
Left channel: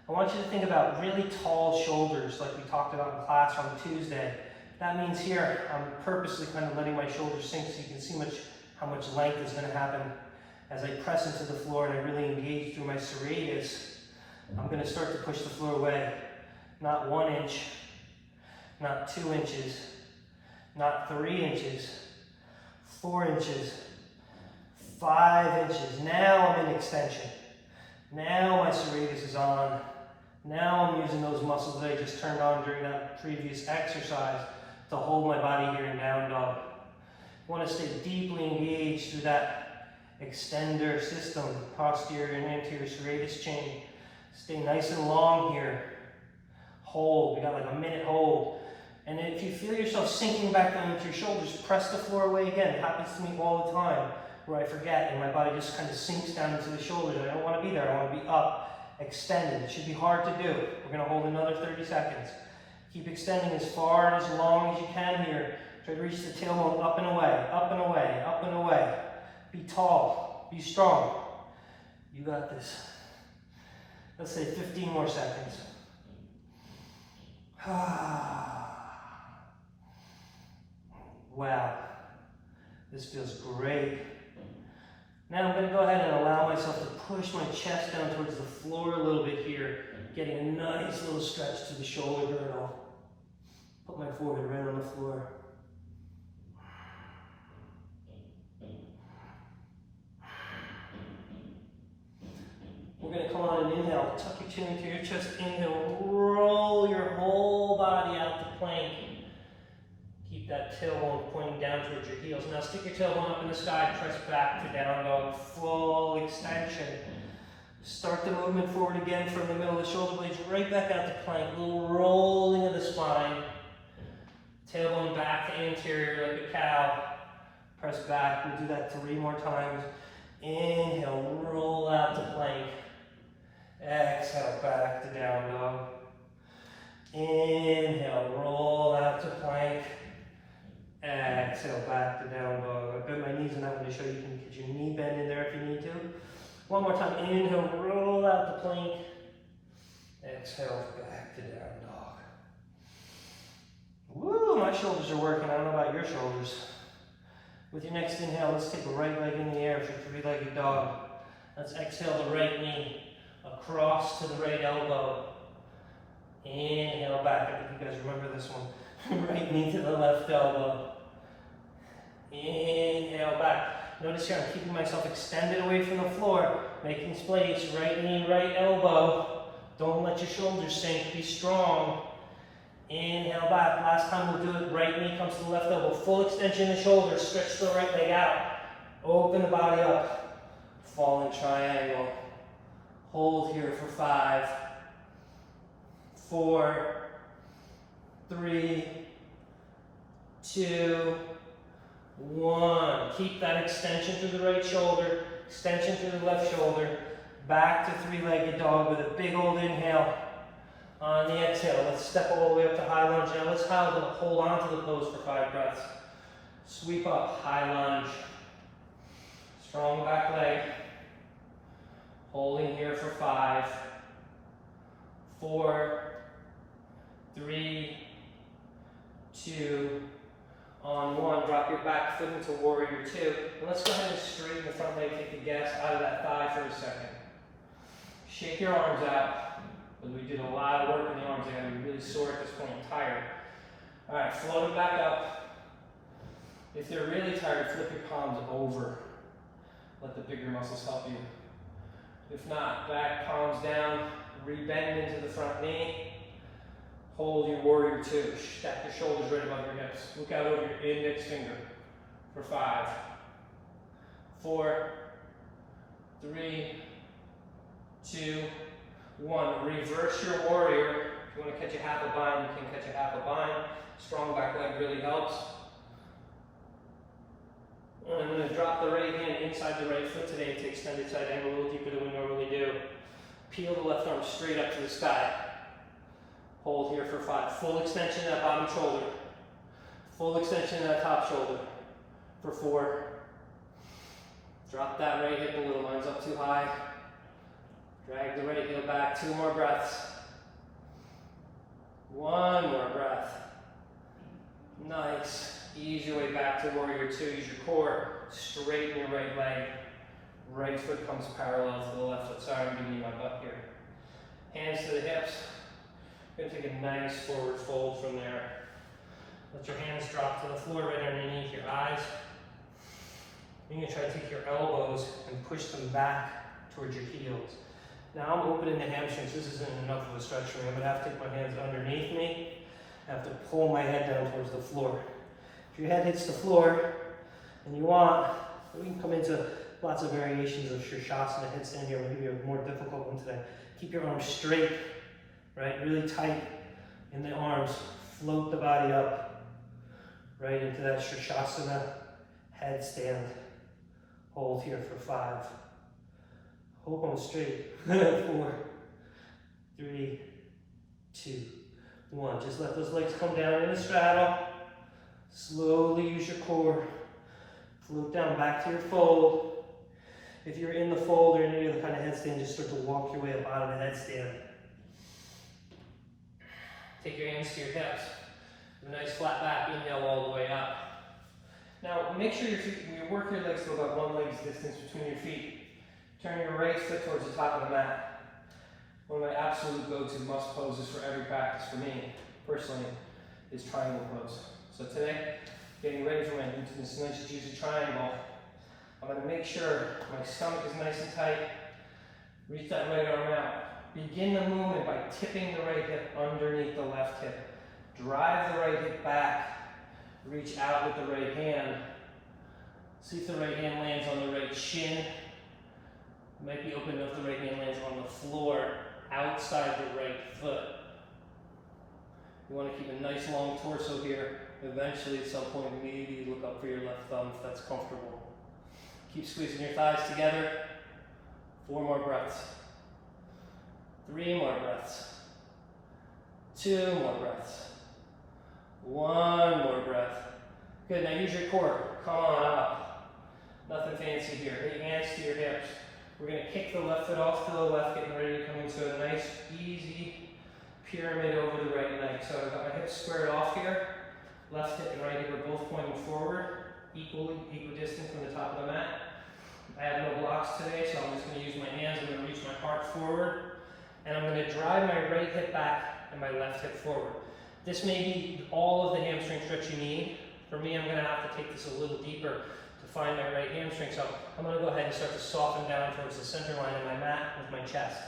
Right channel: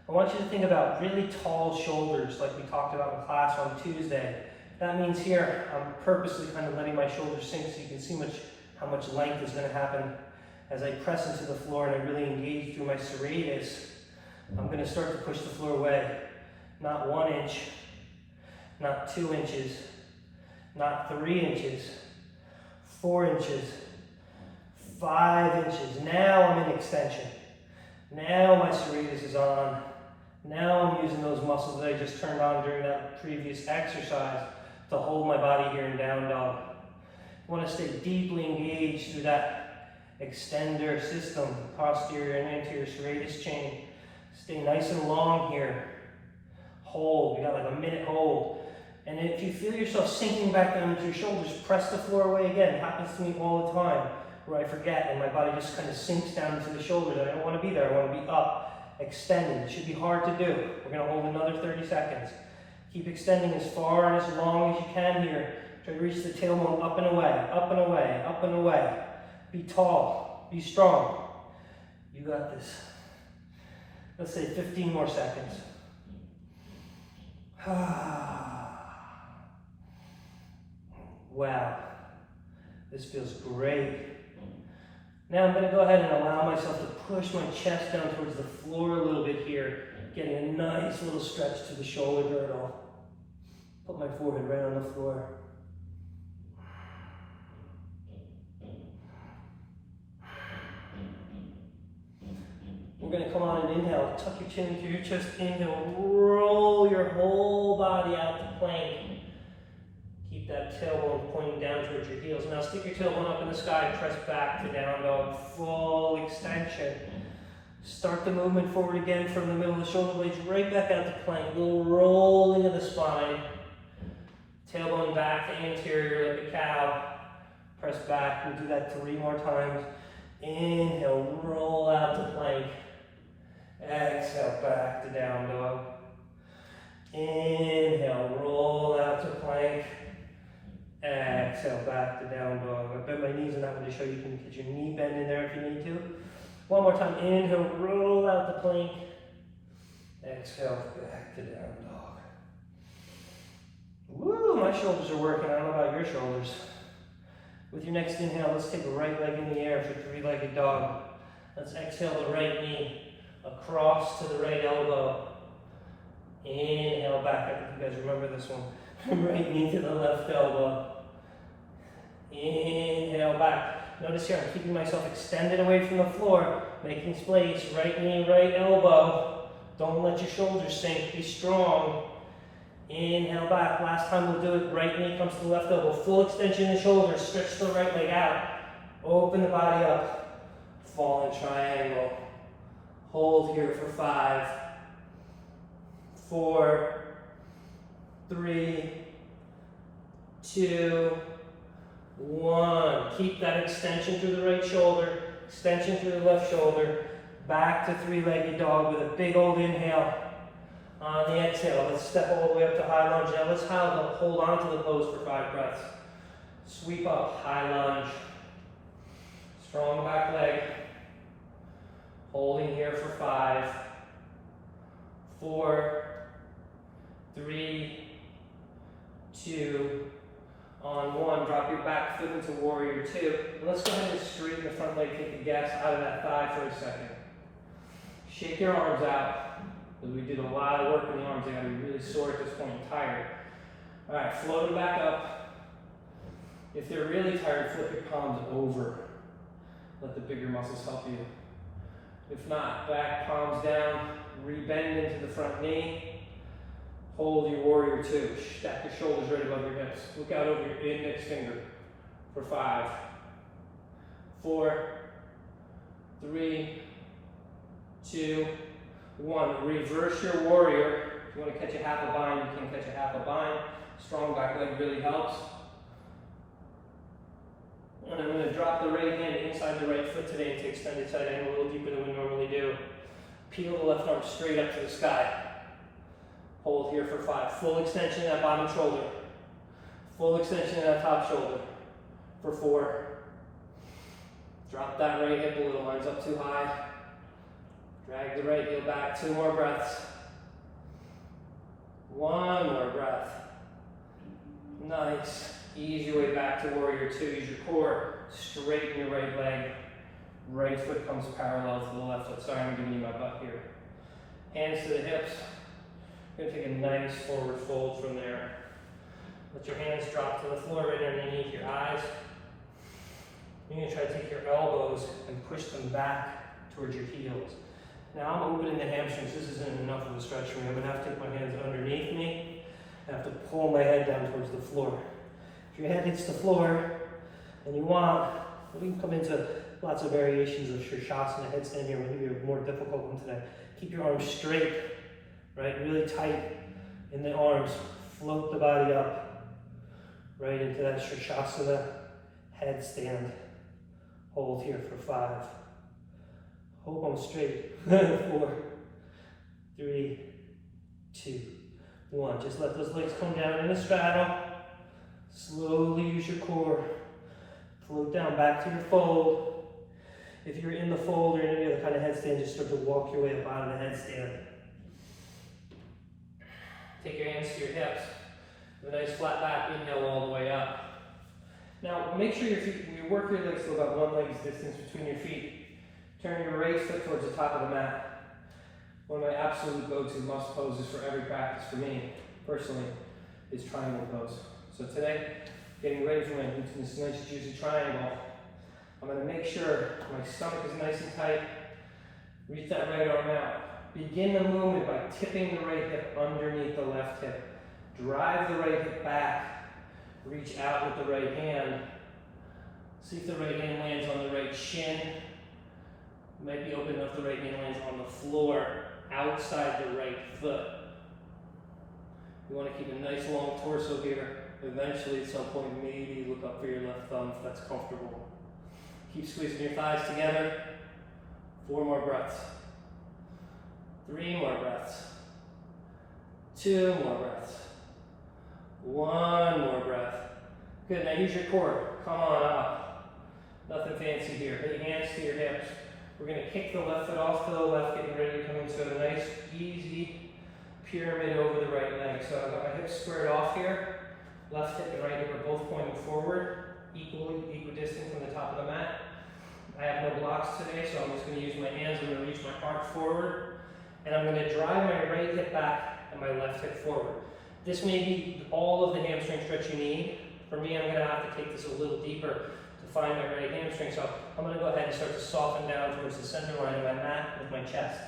I want you to think about really tall shoulders like we talked about in class on Tuesday. That means here, I'm purposely kind of letting my shoulders sink so you can see how much length is going to happen as I press into the floor and I really engage through my serratus. I'm going to start to push the floor away. Not 1 inch, not 2 inches, not 3 inches, 4 inches, 5 inches. Now I'm in extension. Now my serratus is on. Now I'm using those muscles that I just turned on during that previous exercise to hold my body here in down dog. I want to stay deeply engaged through that extender system, posterior and anterior serratus chain. Stay nice and long here. Hold. We got like a minute hold. And if you feel yourself sinking back down into your shoulders, press the floor away again. It happens to me all the time, where I forget and my body just kind of sinks down into the shoulders. I don't want to be there. I want to be up. Extended. It should be hard to do. We're going to hold another 30 seconds. Keep extending as far and as long as you can here. Try to reach the tailbone up and away, up and away, up and away. Be tall. Be strong. You got this. Let's say 15 more seconds. Wow. This feels great. Now I'm going to go ahead and allow myself to push my chest down towards the floor a little bit here, getting a nice little stretch to the shoulder girdle. Put my forehead right on the floor. inhale, tuck your chin into your chest, inhale, roll your whole body out to plank. Keep that tailbone pointing down towards your heels. Now stick your tailbone up in the sky, press back to down dog, full extension. Start the movement forward again from the middle of the shoulder blades, right back out to plank, a little rolling of the spine. Tailbone back to anterior like a cow. Press back, we'll do that 3 more times. Inhale, roll out to plank. Exhale, back to down dog. Inhale, roll out to plank. Exhale, back to down dog. I bent my knees in that one to show you can get your knee bend in there if you need to. One more time, inhale, roll out the plank. Exhale, back to down dog. Woo, my shoulders are working. I don't know about your shoulders. With your next inhale, let's take the right leg in the air for 3-legged dog. Let's exhale the right knee across to the right elbow. Inhale back. I think you guys remember this one. Right knee to the left elbow. Inhale back. Notice here I'm keeping myself extended away from the floor, making space. Right knee, right elbow. Don't let your shoulders sink. Be strong. Inhale back. Last time we'll do it. Right knee comes to the left elbow. Full extension of the shoulders. Stretch the right leg out. Open the body up. Falling triangle. Hold here for 5, 4, 3, 2, 1. Keep that extension through the right shoulder. Extension through the left shoulder. Back to 3-legged dog with a big old inhale. On the exhale, let's step all the way up to high lunge. Now let's hold on to the pose for 5 breaths. Sweep up, high lunge. Strong back leg. Holding here for 5, 4, 3, 2, on 1. Drop your back foot into warrior 2. And let's go ahead and straighten the front leg, take the gas out of that thigh for a second. Shake your arms out. Because we did a lot of work in the arms. They gotta be really sore at this point, tired. All right, float them back up. If they're really tired, flip your palms over. Let the bigger muscles help you. If not, back, palms down, re-bend into the front knee. Hold your warrior 2. Stack your shoulders right above your hips. Look out over your index finger for 5, 4, 3, 2, 1. Reverse your warrior. If you want to catch a half a bind, you can catch a half a bind. Strong back leg really helps. And I'm going to drop the right hand inside the right foot today into extended side angle, a little deeper than we normally do. Peel the left arm straight up to the sky. Hold here for 5. Full extension of that bottom shoulder. Full extension of that top shoulder for 4. Drop that right hip a little, lines up too high. Drag the right heel back. 2 more breaths. 1 more breath. Nice. Ease your way back to warrior 2. Use your core. Straighten your right leg. Right foot comes parallel to the left foot. Sorry, I'm giving you my butt here. Hands to the hips. You're going to take a nice forward fold from there. Let your hands drop to the floor right underneath your eyes. You're going to try to take your elbows and push them back towards your heels. Now I'm opening the hamstrings. This isn't enough of a stretch for me. I'm going to have to take my hands underneath me. I have to pull my head down towards the floor. If your head hits the floor and you want, we can come into lots of variations of Shirshasana headstand here. We'll give you a more difficult one today. Keep your arms straight, right? Really tight in the arms. Float the body up, right into that Shirshasana headstand. Hold here for 5. Hold on straight. 4, 3, 2, 1. Just let those legs come down in a straddle. Slowly use your core. Float down back to your fold. If you're in the fold or in any other kind of headstand, just start to walk your way up out of the headstand. Take your hands to your hips. Have a nice flat back. Inhale all the way up. Now make sure you work your legs to about 1 leg's distance between your feet. Turn your right foot towards the top of the mat. One of my absolute go-to must poses for every practice for me, personally, is triangle pose. So today, getting ready for my glutes in this nice juicy triangle, I'm going to make sure my stomach is nice and tight. Reach that right arm out. Begin the movement by tipping the right hip underneath the left hip. Drive the right hip back. Reach out with the right hand. See if the right hand lands on the right shin. It might be open enough the right hand lands on the floor outside the right foot. You want to keep a nice long torso here. Eventually, at some point, maybe look up for your left thumb if that's comfortable. Keep squeezing your thighs together. 4 more breaths. 3 more breaths. 2 more breaths. 1 more breath. Good, now use your core. Come on up. Nothing fancy here. Hit your hands to your hips. We're going to kick the left foot off to the left, getting ready to come into a nice, easy pyramid over the right leg. So I've got my hips squared off here. Left hip and right hip are both pointing forward, equidistant from the top of the mat. I have no blocks today, so I'm just going to use my hands. I'm going to reach my heart forward, and I'm going to drive my right hip back and my left hip forward. This may be all of the hamstring stretch you need. For me, I'm going to have to take this a little deeper to find my right hamstring. So I'm going to go ahead and start to soften down towards the center line of my mat with my chest.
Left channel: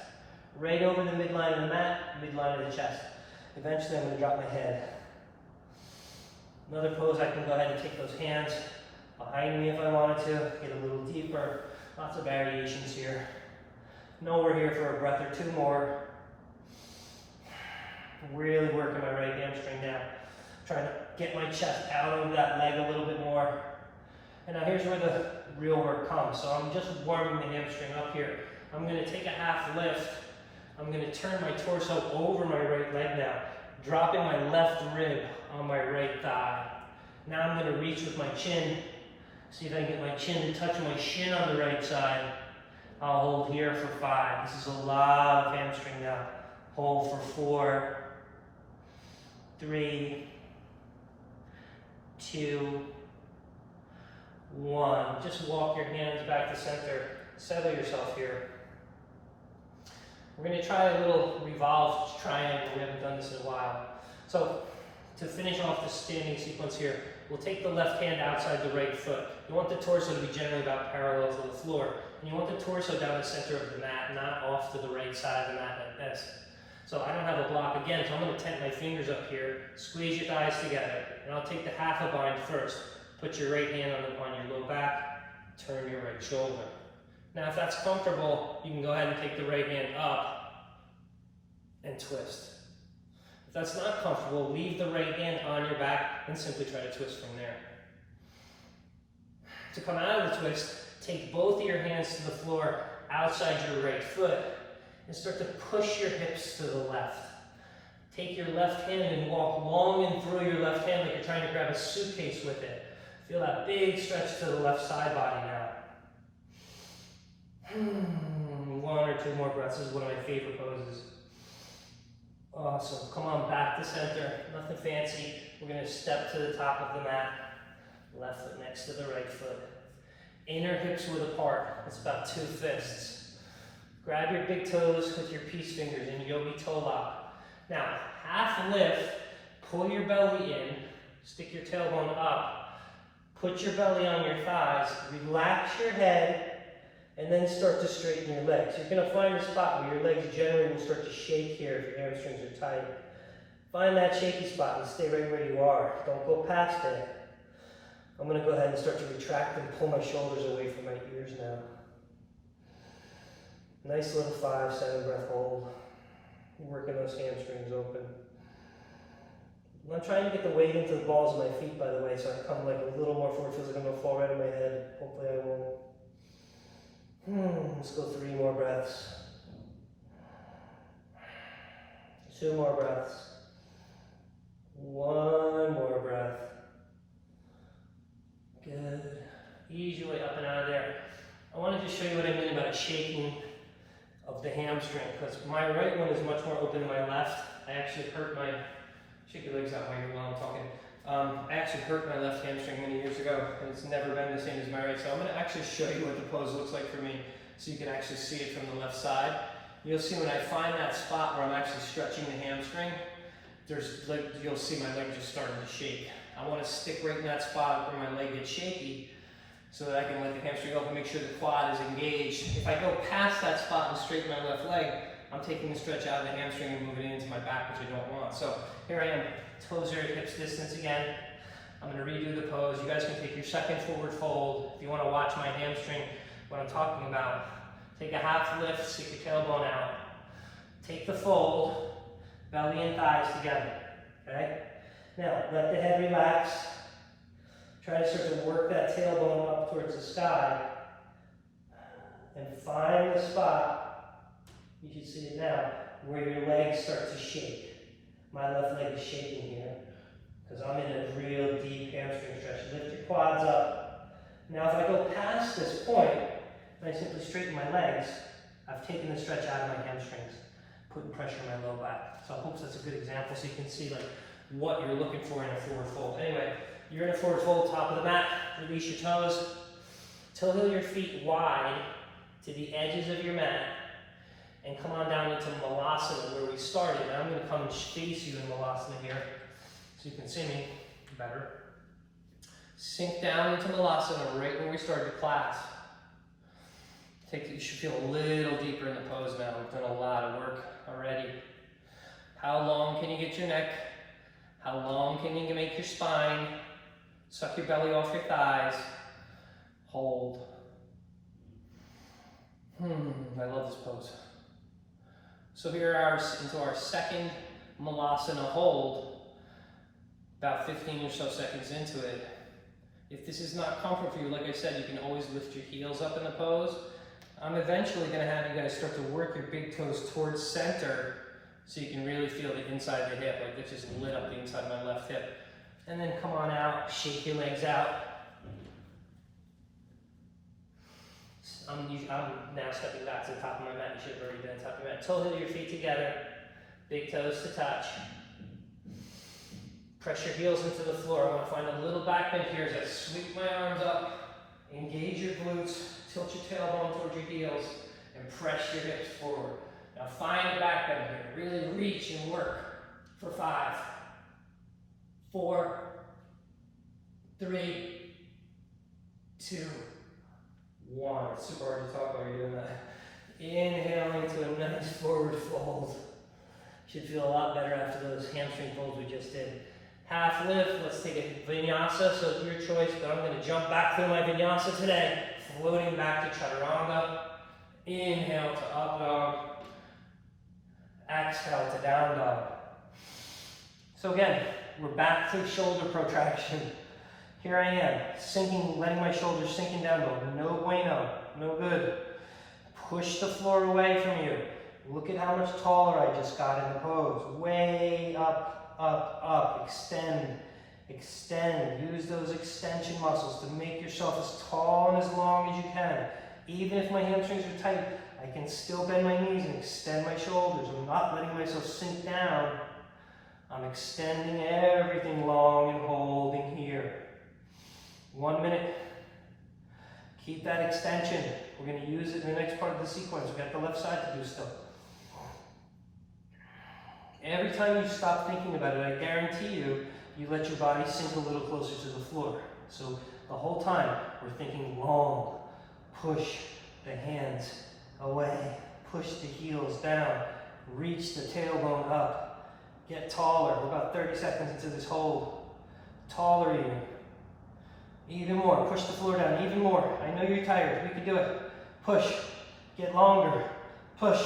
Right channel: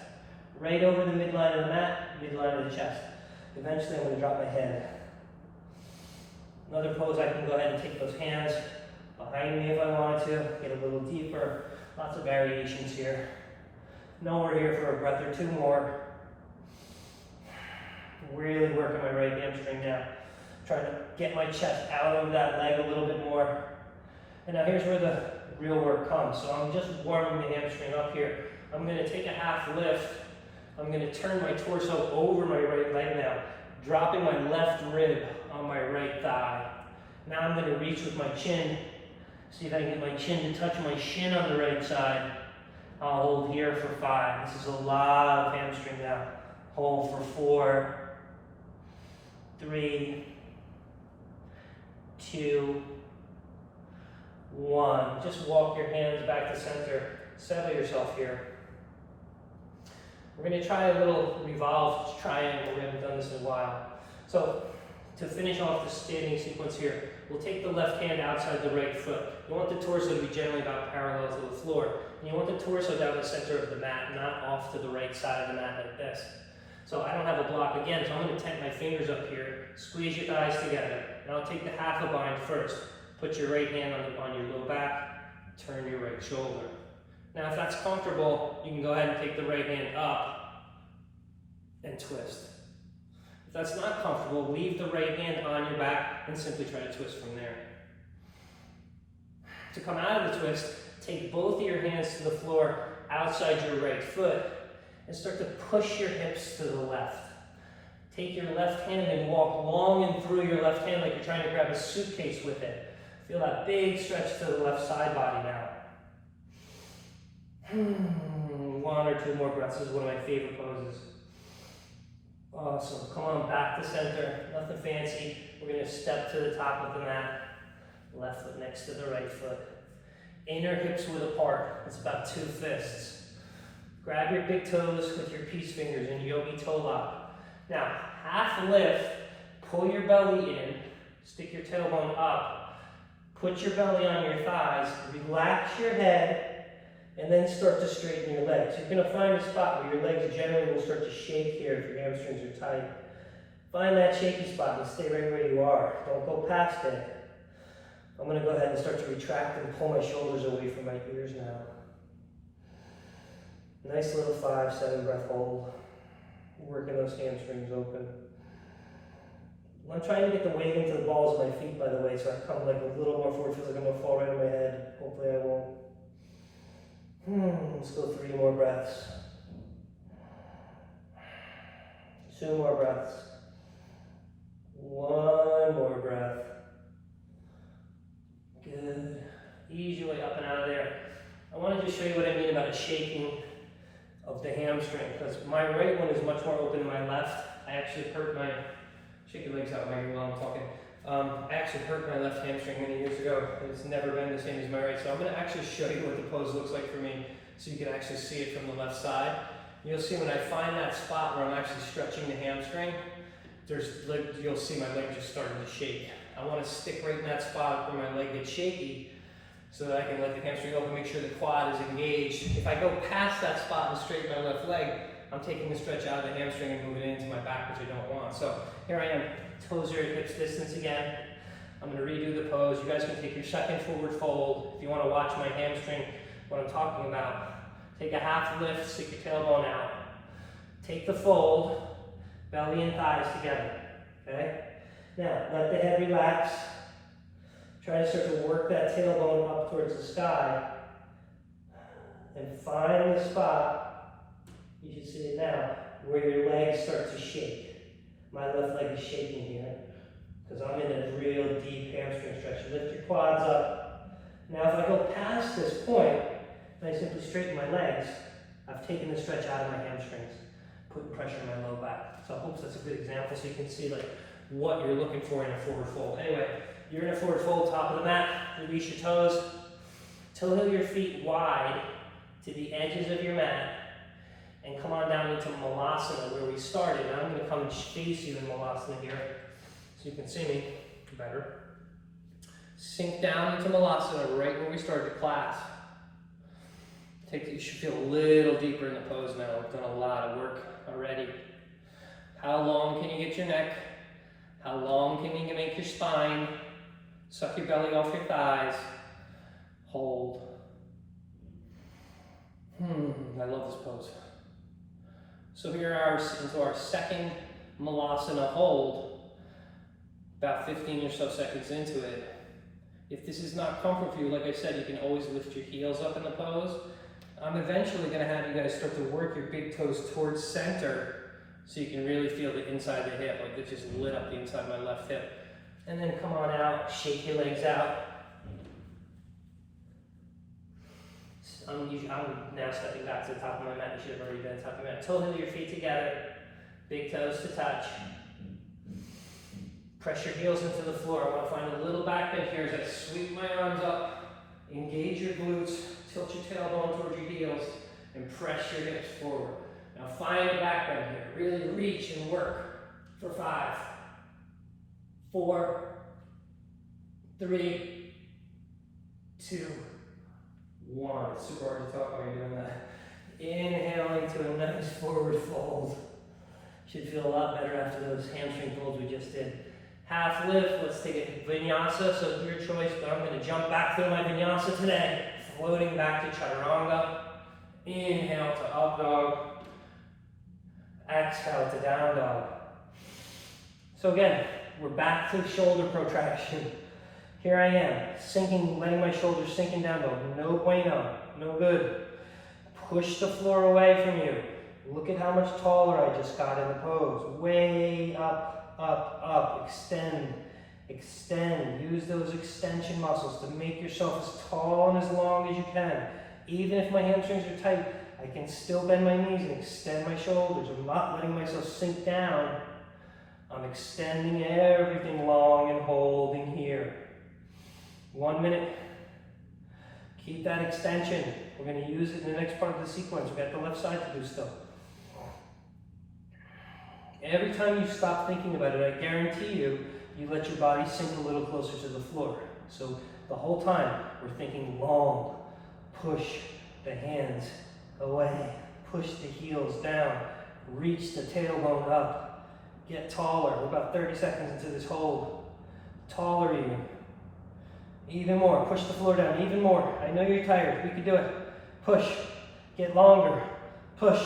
Right over the midline of the mat, midline of the chest. Eventually, I'm going to drop my head. Another pose, I can go ahead and take those hands behind me if I wanted to, get a little deeper. Lots of variations here. Know we're here for a breath or 2 more. Really working my right hamstring now. Trying to get my chest out of that leg a little bit more. And now here's where the real work comes. So I'm just warming the hamstring up here. I'm going to take a half lift. I'm going to turn my torso over my right leg now, dropping my left rib on my right thigh. Now I'm going to reach with my chin. See if I can get my chin to touch my shin on the right side. I'll hold here for 5. This is a lot of hamstring now. Hold for 4, 3, 2, 1. Just walk your hands back to center. Settle yourself here. We're going to try a little revolved triangle. We haven't done this in a while. So to finish off the standing sequence here, we'll take the left hand outside the right foot. You want the torso to be generally about parallel to the floor. And you want the torso down the center of the mat, not off to the right side of the mat like this. So I don't have a block again, so I'm going to tent my fingers up here, squeeze your thighs together, and I'll take the half a bind first. Put your right hand on your low back, turn your right shoulder. Now if that's comfortable, you can go ahead and take the right hand up and twist. If that's not comfortable, leave the right hand on your back and simply try to twist from there. To come out of the twist, take both of your hands to the floor outside your right foot and start to push your hips to the left. Take your left hand and walk long and through your left hand like you're trying to grab a suitcase with it. Feel that big stretch to the left side body now. 1 or 2 more breaths. This is one of my favorite poses. Awesome. Come on back to center. Nothing fancy. We're going to step to the top of the mat. Left foot next to the right foot. Inner hips width apart. It's about 2 fists. Grab your big toes with your peace fingers in yogi toe lock. Now, half lift. Pull your belly in. Stick your tailbone up. Put your belly on your thighs. Relax your head. And then start to straighten your legs. You're going to find a spot where your legs generally will start to shake here if your hamstrings are tight. Find that shaky spot and stay right where you are. Don't go past it. I'm going to go ahead and start to retract and pull my shoulders away from my ears now. Nice little 5-7 breath hold. Working those hamstrings open. I'm trying to get the weight into the balls of my feet, by the way, so I come like a little more forward. Feels like I'm going to fall right on my head. Hopefully I won't. Let's go 3 more breaths. 2 more breaths. 1 more breath. Good. Ease your way up and out of there. I want to just show you what I mean about a shaking of the hamstring, because my right one is much more open than my left. I actually hurt my, shake your legs out right here while I'm talking. I actually hurt my left hamstring many years ago, and it's never been the same as my right. So I'm going to actually show you what the pose looks like for me, so you can actually see it from the left side. You'll see when I find that spot where I'm actually stretching the hamstring, you'll see my leg just starting to shake. I want to stick right in that spot where my leg gets shaky, so that I can let the hamstring open, make sure the quad is engaged. If I go past that spot and straighten my left leg, I'm taking the stretch out of the hamstring and moving it into my back, which I don't want. So here I am, toes are at hips distance again. I'm gonna redo the pose. You guys can take your second forward fold. If you wanna watch my hamstring, what I'm talking about, take a half lift, stick your tailbone out. Take the fold, belly and thighs together, okay? Now, let the head relax. Try to start to work that tailbone up towards the sky. And find the spot, you should see it now, where your legs start to shake. My left leg is shaking here, because I'm in a real deep hamstring stretch. Lift your quads up. Now if I go past this point, and I simply straighten my legs, I've taken the stretch out of my hamstrings, putting pressure on my low back. So I hope that's a good example so you can see like what you're looking for in a forward fold. Anyway, you're in a forward fold, top of the mat, release your toes, toe heel your feet wide to the edges of your mat, and come on down into Malasana where we started. Now I'm going to come and face you in Malasana here so you can see me better. Sink down into Malasana right where we started class. You should feel a little deeper in the pose now. We've done a lot of work already. How long can you get your neck? How long can you make your spine? Suck your belly off your thighs. Hold. I love this pose. So here are into our second Malasana hold, about 15 or so seconds into it. If this is not comfortable for you, like I said, you can always lift your heels up in the pose. I'm eventually going to have you guys start to work your big toes towards center so you can really feel the inside of the hip, like it just lit up the inside of my left hip. And then come on out, shake your legs out. I'm now stepping back to the top of my mat. You should have already been on top of your mat. Toe heel your feet together, big toes to touch. Press your heels into the floor. I want to find a little back bend here as I sweep my arms up, engage your glutes, tilt your tailbone towards your heels, and press your hips forward. Now find a back bend here. Really reach and work for 5, 4, 3, 2, 1. It's super hard to talk while you're doing that. Inhale into a nice forward fold. Should feel a lot better after those hamstring folds we just did. Half lift, let's take a vinyasa, so your choice, but I'm going to jump back through my vinyasa today. Floating back to chaturanga. Inhale to up dog. Exhale to down dog. So again, we're back to shoulder protraction. Here I am, sinking, letting my shoulders sinking down dog. No bueno, no good. Push the floor away from you. Look at how much taller I just got in the pose. Way up, up, up. Extend, extend. Use those extension muscles to make yourself as tall and as long as you can. Even if my hamstrings are tight, I can still bend my knees and extend my shoulders. I'm not letting myself sink down. I'm extending everything long and holding here. 1 minute. Keep that extension. We're going to use it in the next part of the sequence. We've got the left side to do still. Every time you stop thinking about it, I guarantee you, you let your body sink a little closer to the floor. So the whole time, we're thinking long. Push the hands away. Push the heels down. Reach the tailbone up. Get taller. We're about 30 seconds into this hold. Taller even. Even more. Push the floor down. Even more. I know you're tired. We can do it. Push. Get longer. Push.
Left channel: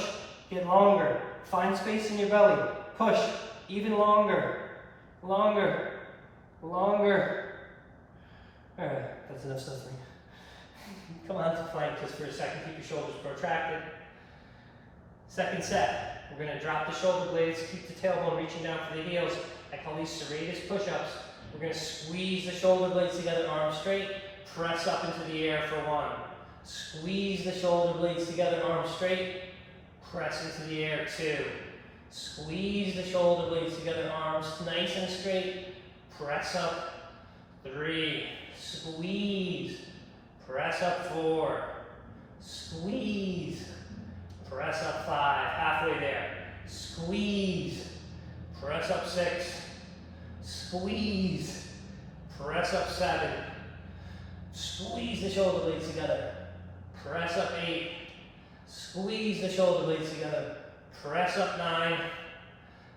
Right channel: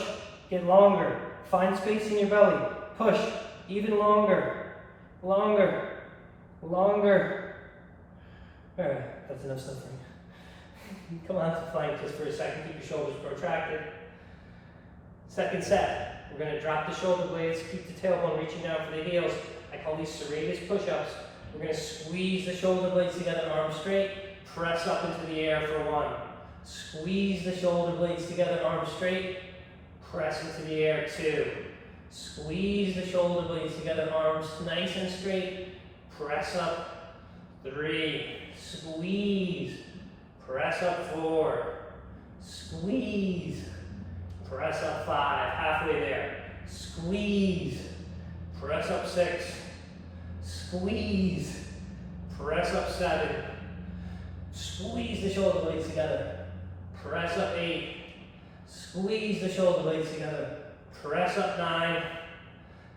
Get longer. Find space in your belly. Push. Even longer. Longer. Longer. Alright, that's enough suffering. Come on to plank just for a second. Keep your shoulders protracted. Second set. We're going to drop the shoulder blades. Keep the tailbone reaching down for the heels. I call these serratus push-ups. We're going to squeeze the shoulder blades together, arms straight. Press up into the air for 1. Squeeze the shoulder blades together, arms straight. Press into the air, 2. Squeeze the shoulder blades together, arms nice and straight. Press up, 3. Squeeze. Press up, 4. Squeeze. Press up, 5. Halfway there. Squeeze. Press up, 6. Squeeze. Press up, 7. Squeeze the shoulder blades together. Press up, 8. Squeeze the shoulder blades together. Press up 9.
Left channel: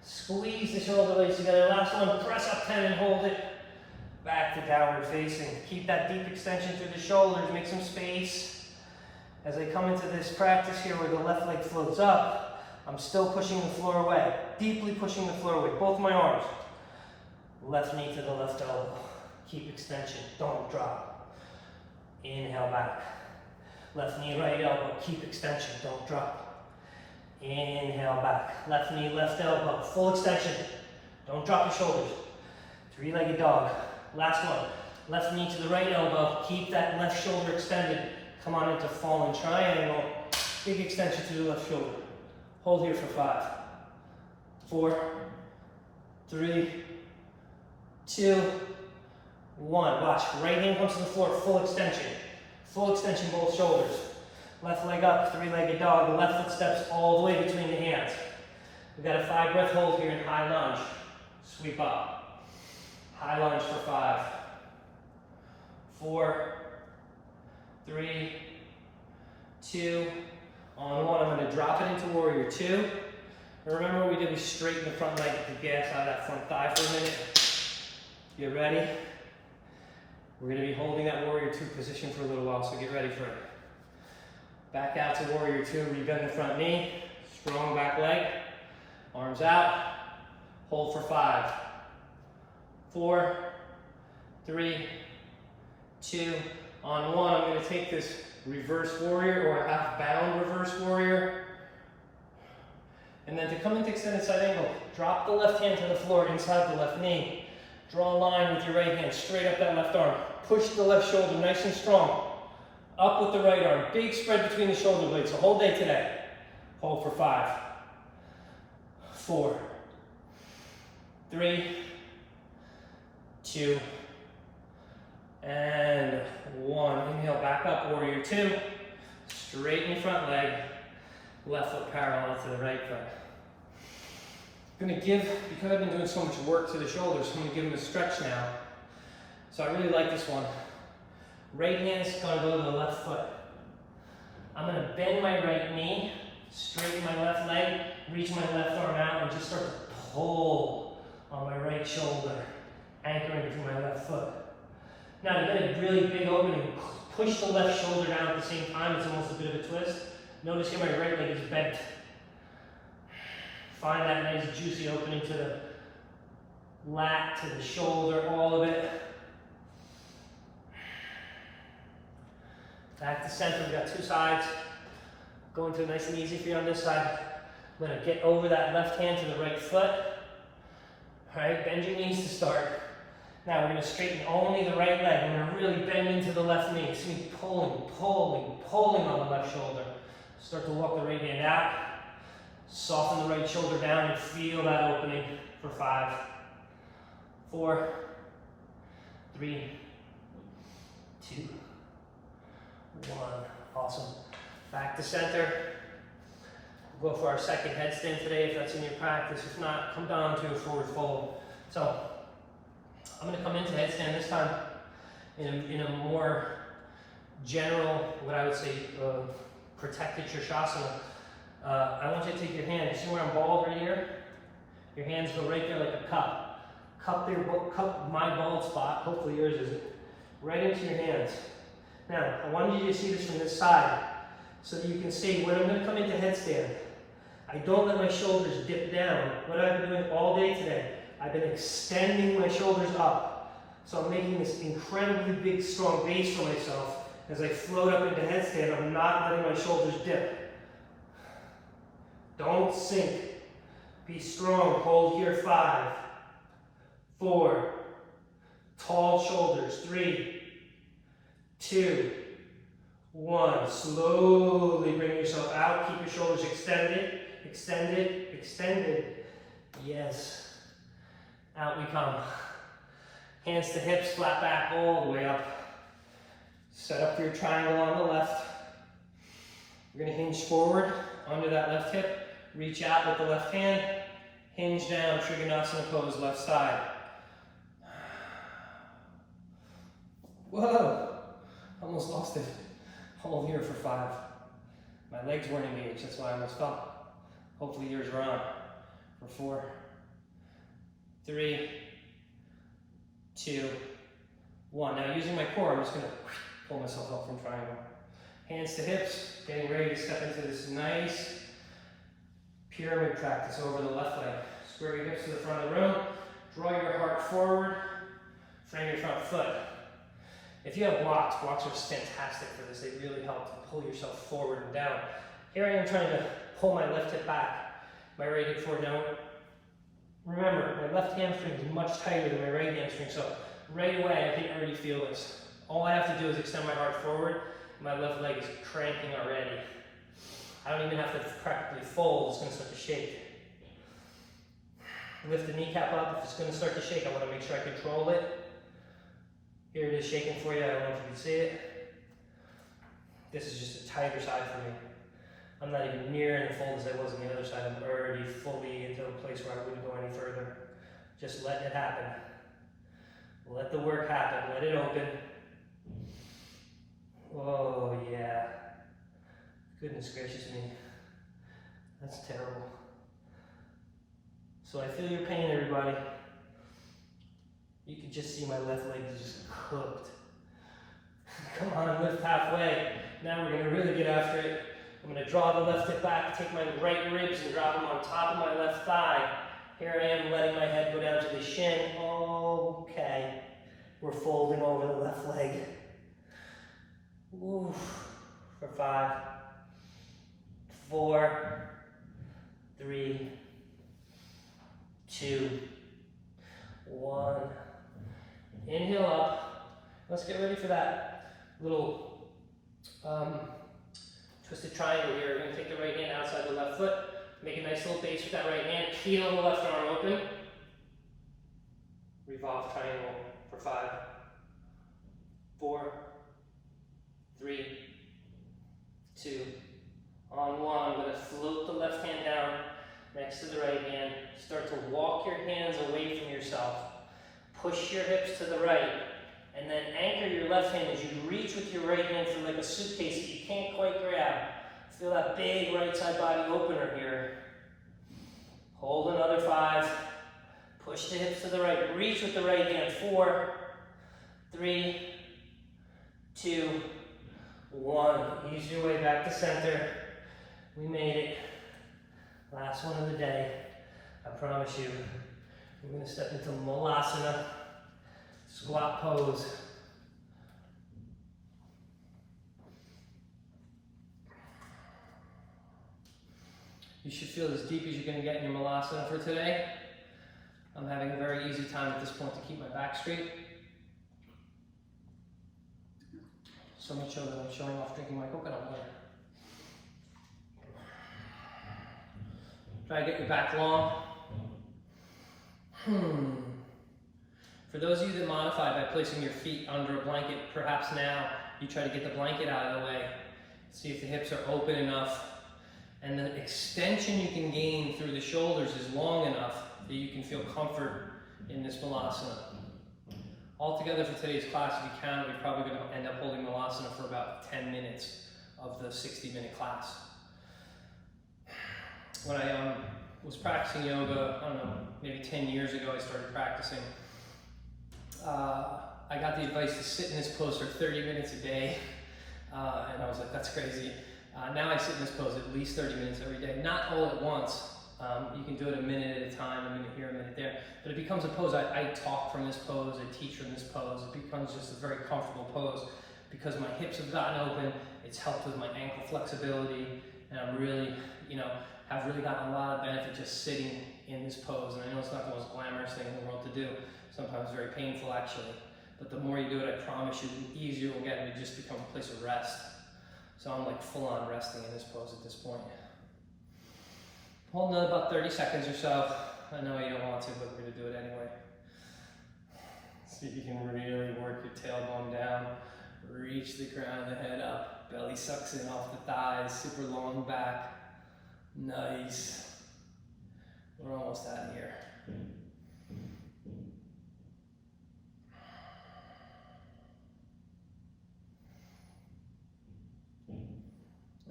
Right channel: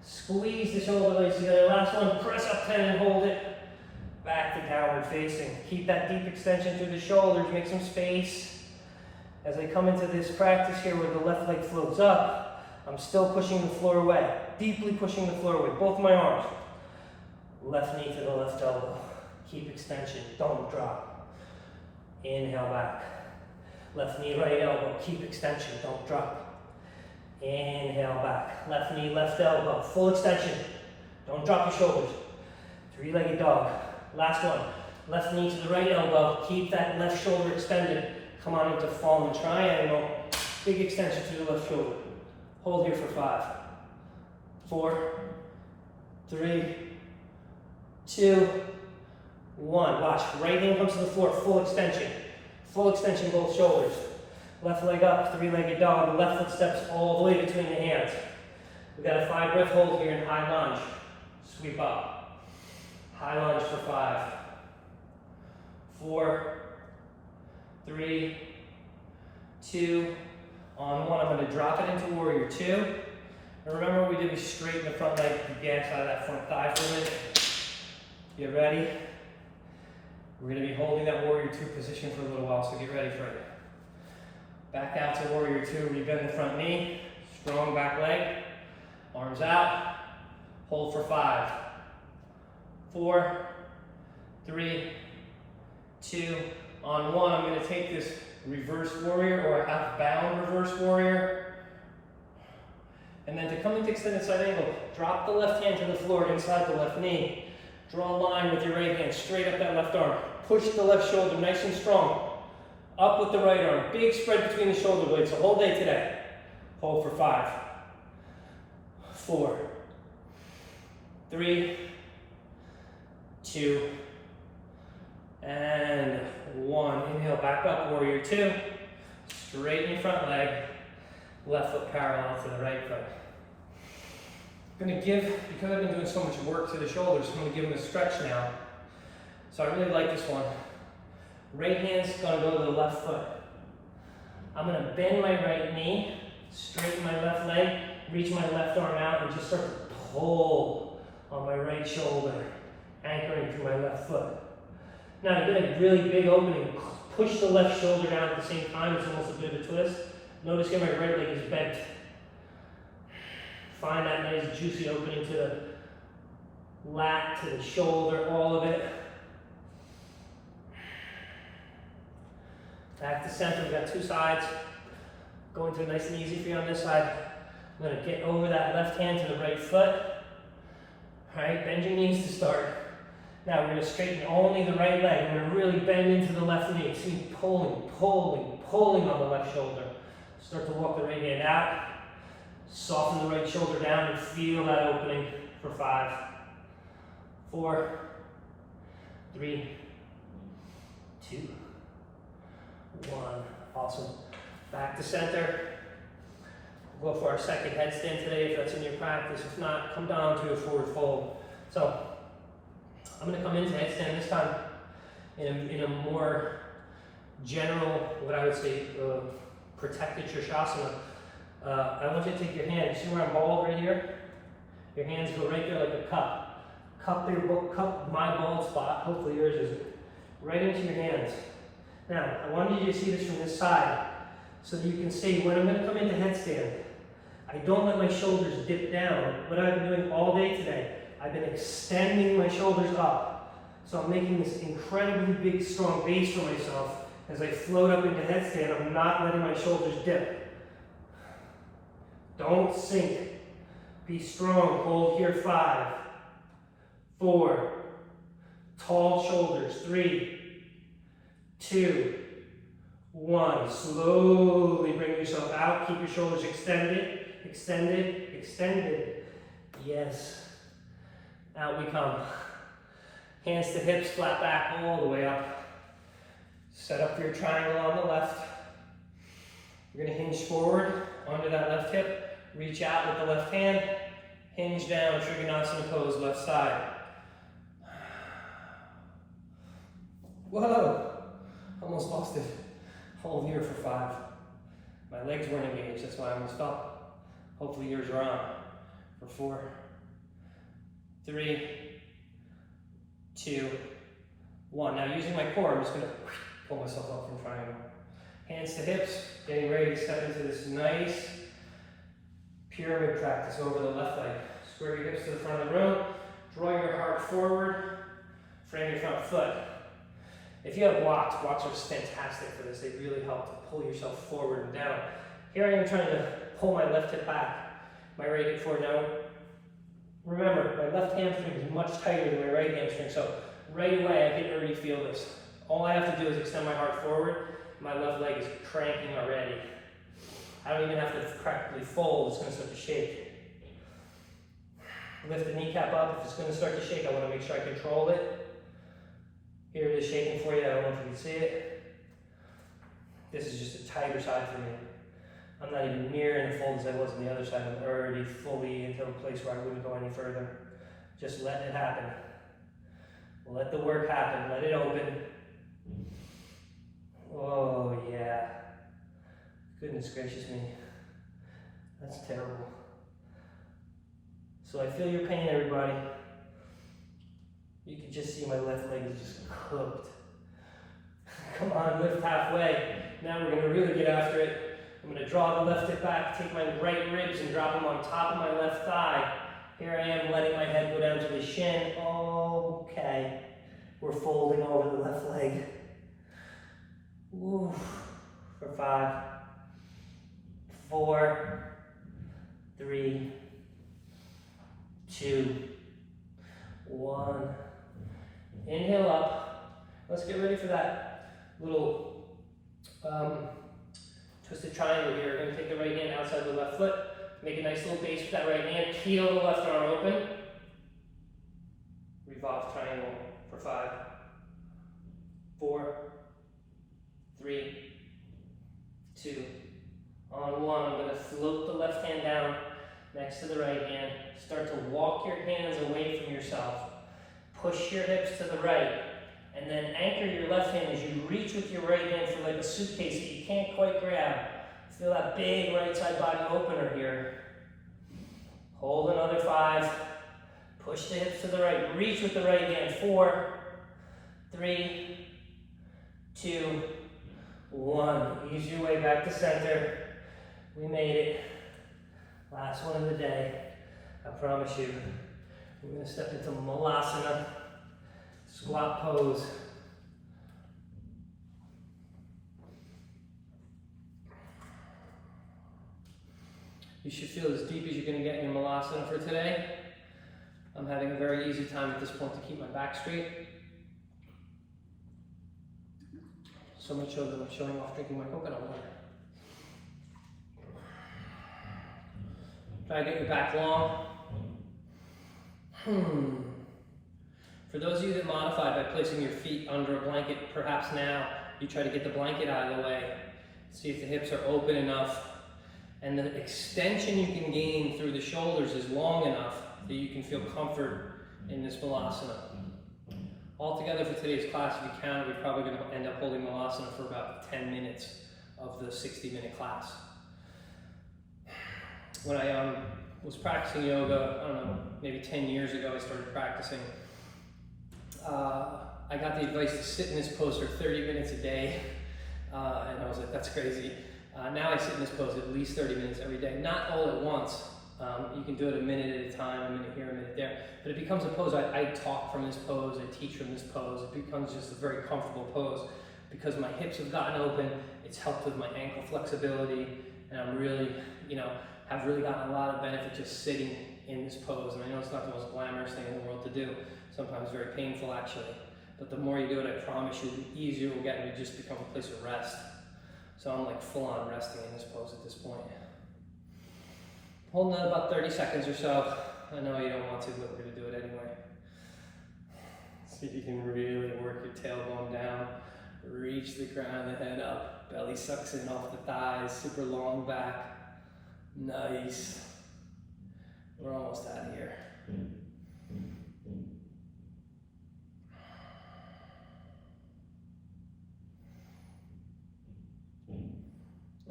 Squeeze the shoulder blades together. Last one, press up 10 and hold it. Back to downward facing. Keep that deep extension through the shoulders. Make some space. As I come into this practice here where the left leg floats up, I'm still pushing the floor away. Deeply pushing the floor away. Both my arms. Left knee to the left elbow. Keep extension. Don't drop. Inhale back. Left knee, right elbow. Keep extension. Don't drop. Inhale back. Left knee, left elbow. Full extension. Don't drop your shoulders. Three-legged dog. Last one. Left knee to the right elbow. Keep that left shoulder extended. Come on into fallen triangle. Big extension to the left shoulder. Hold here for 5, 4, 3, 2, 1. Watch. Right hand comes to the floor. Full extension. Full extension both shoulders. Left leg up, three-legged dog. The left foot steps all the way between the hands. We've got a 5-breath hold here in high lunge. Sweep up. High lunge for 5, 4, 3, 2, on 1. I'm going to drop it into warrior 2. And remember what we did, we straighten the front leg, the gas out of that front thigh for a minute. Get ready. We're going to be holding that warrior 2 position for a little while, so get ready for it. Back out to warrior 2, rebend the front knee, strong back leg, arms out, hold for 5, 4, 3, 2, on 1. I'm going to take this reverse warrior or a half bound reverse warrior. And then to come into extended side angle, drop the left hand to the floor inside the left knee. Draw a line with your right hand, straight up that left arm. Push the left shoulder nice and strong. Up with the right arm. Big spread between the shoulder blades. So whole day today. Hold for 5, 4, 3, 2, and 1. Inhale, back up, warrior 2. Straighten your front leg. Left foot parallel to the right foot. I'm going to give, because I've been doing so much work to the shoulders, I'm going to give them a stretch now. So I really like this one. Right hand's going to go to the left foot. I'm going to bend my right knee, straighten my left leg, reach my left arm out, and just start to pull on my right shoulder, anchoring through my left foot. Now you get a really big opening. Push the left shoulder down at the same time. It's almost a bit of a twist. Notice here my right leg is bent. Find that nice juicy opening to the lat, to the shoulder, all of it. Back to center, we've got 2 sides. Going through nice and easy for you on this side. I'm going to get over that left hand to the right foot. All right, bend your knees to start. Now we're going to straighten only the right leg. We're going to really bend into the left knee. See me pulling, pulling, pulling on the left shoulder. Start to walk the right hand out. Soften the right shoulder down and feel that opening for 5, 4, 3, 2, 1. Awesome. Back to center. We'll go for our second headstand today if that's in your practice. If not, come down to a forward fold. So I'm going to come into headstand this time in a more general, what I would say, protected Shirshasana. I want you to take your hand. You see where I'm bald right here? Your hands go right there like a cup. Cup my bald spot. Hopefully yours isn't. Right into your hands. Now, I want you to see this from this side so that you can see when I'm going to come into headstand. I don't let my shoulders dip down. What I've been doing all day today, I've been extending my shoulders up. So I'm making this incredibly big, strong base for myself. As I float up into headstand, I'm not letting my shoulders dip. Don't sink. Be strong. Hold here. 5, 4. Tall shoulders. 3, 2, 1. Slowly bring yourself out. Keep your shoulders extended, extended, extended. Yes. Out we come. Hands to hips, flat back all the way up. Set up your triangle on the left. You're going to hinge forward onto that left hip. Reach out with the left hand. Hinge down, Trikonasana pose, left side. Whoa! Almost lost it. Hold here for 5. My legs weren't engaged, that's why I almost fell. Hopefully yours are on. For 4, 3, 2, 1. Now using my core, I'm just gonna pull myself up from triangle. Hands to hips, getting ready to step into this nice pyramid practice over the left leg. Square your hips to the front of the room, draw your heart forward, frame your front foot. If you have blocks are fantastic for this. They really help to pull yourself forward and down. Here I am trying to pull my left hip back, my right hip forward. Now, remember, my left hamstring is much tighter than my right hamstring, so right away I can already feel this. All I have to do is extend my heart forward. My left leg is cranking already. I don't even have to practically fold, it's gonna start to shake. Lift the kneecap up. If it's gonna start to shake, I wanna make sure I control it. Here it is shaking for you, I don't know if you can see it. This is just a tighter side for me. I'm not even near in the fold as I was on the other side. I'm already fully into a place where I wouldn't go any further. Just letting it happen. Let the work happen, let it open. Oh yeah. Goodness gracious me. That's terrible. So I feel your pain, everybody. You can just see my left leg is just cooked. Come on, lift halfway. Now we're gonna really get after it. I'm gonna draw the left hip back, take my right ribs and drop them on top of my left thigh. Here I am letting my head go down to the shin. Okay. We're folding over the left leg. Oof. For 5, 4, 3, 2, 1. Inhale up. Let's get ready for that little twisted triangle here. We're going to take the right hand outside the left foot. Make a nice little base with that right hand. Peel the left arm open. Revolve triangle for 5, 4, 3, 2, on 1. I'm going to float the left hand down next to the right hand. Start to walk your hands away from yourself. Push your hips to the right. And then anchor your left hand as you reach with your right hand for like a suitcase that you can't quite grab. Feel that big right side body opener here. Hold another 5. Push the hips to the right. Reach with the right hand. 4, 3, 2, 1. Ease your way back to center. We made it. Last one of the day. I promise you. We're going to step into Malasana. Squat pose. You should feel as deep as you're going to get in your Malasana for today. I'm having a very easy time at this point to keep my back straight. So much so that I'm showing off drinking my coconut water. Try to get your back long. For those of you that modified by placing your feet under a blanket, perhaps now you try to get the blanket out of the way. See if the hips are open enough. And the extension you can gain through the shoulders is long enough that you can feel comfort in this Malasana. Altogether for today's class, if you count, we're probably going to end up holding Malasana for about 10 minutes of the 60-minute class. When I was practicing yoga, I don't know, maybe 10 years ago I started practicing. I got the advice to sit in this pose for 30 minutes a day, and I was like, that's crazy. Now I sit in this pose at least 30 minutes every day, not all at once. You can do it a minute at a time, a minute here, a minute there, but it becomes a pose. I talk from this pose, I teach from this pose. It becomes just a very comfortable pose because my hips have gotten open, it's helped with my ankle flexibility, and I'm really, have really gotten a lot of benefit just sitting in this pose. And I know it's not the most glamorous thing in the world to do, sometimes very painful actually, but the more you do it, I promise you, the easier it will get, and it just become a place of rest. So I'm like full on resting in this pose at this point. Hold another about 30 seconds or so. I know you don't want to, but we're gonna do it anyway. See if you can really work your tailbone down. Reach the crown of the head up. Belly sucks in off the thighs, super long back. Nice. We're almost out of here.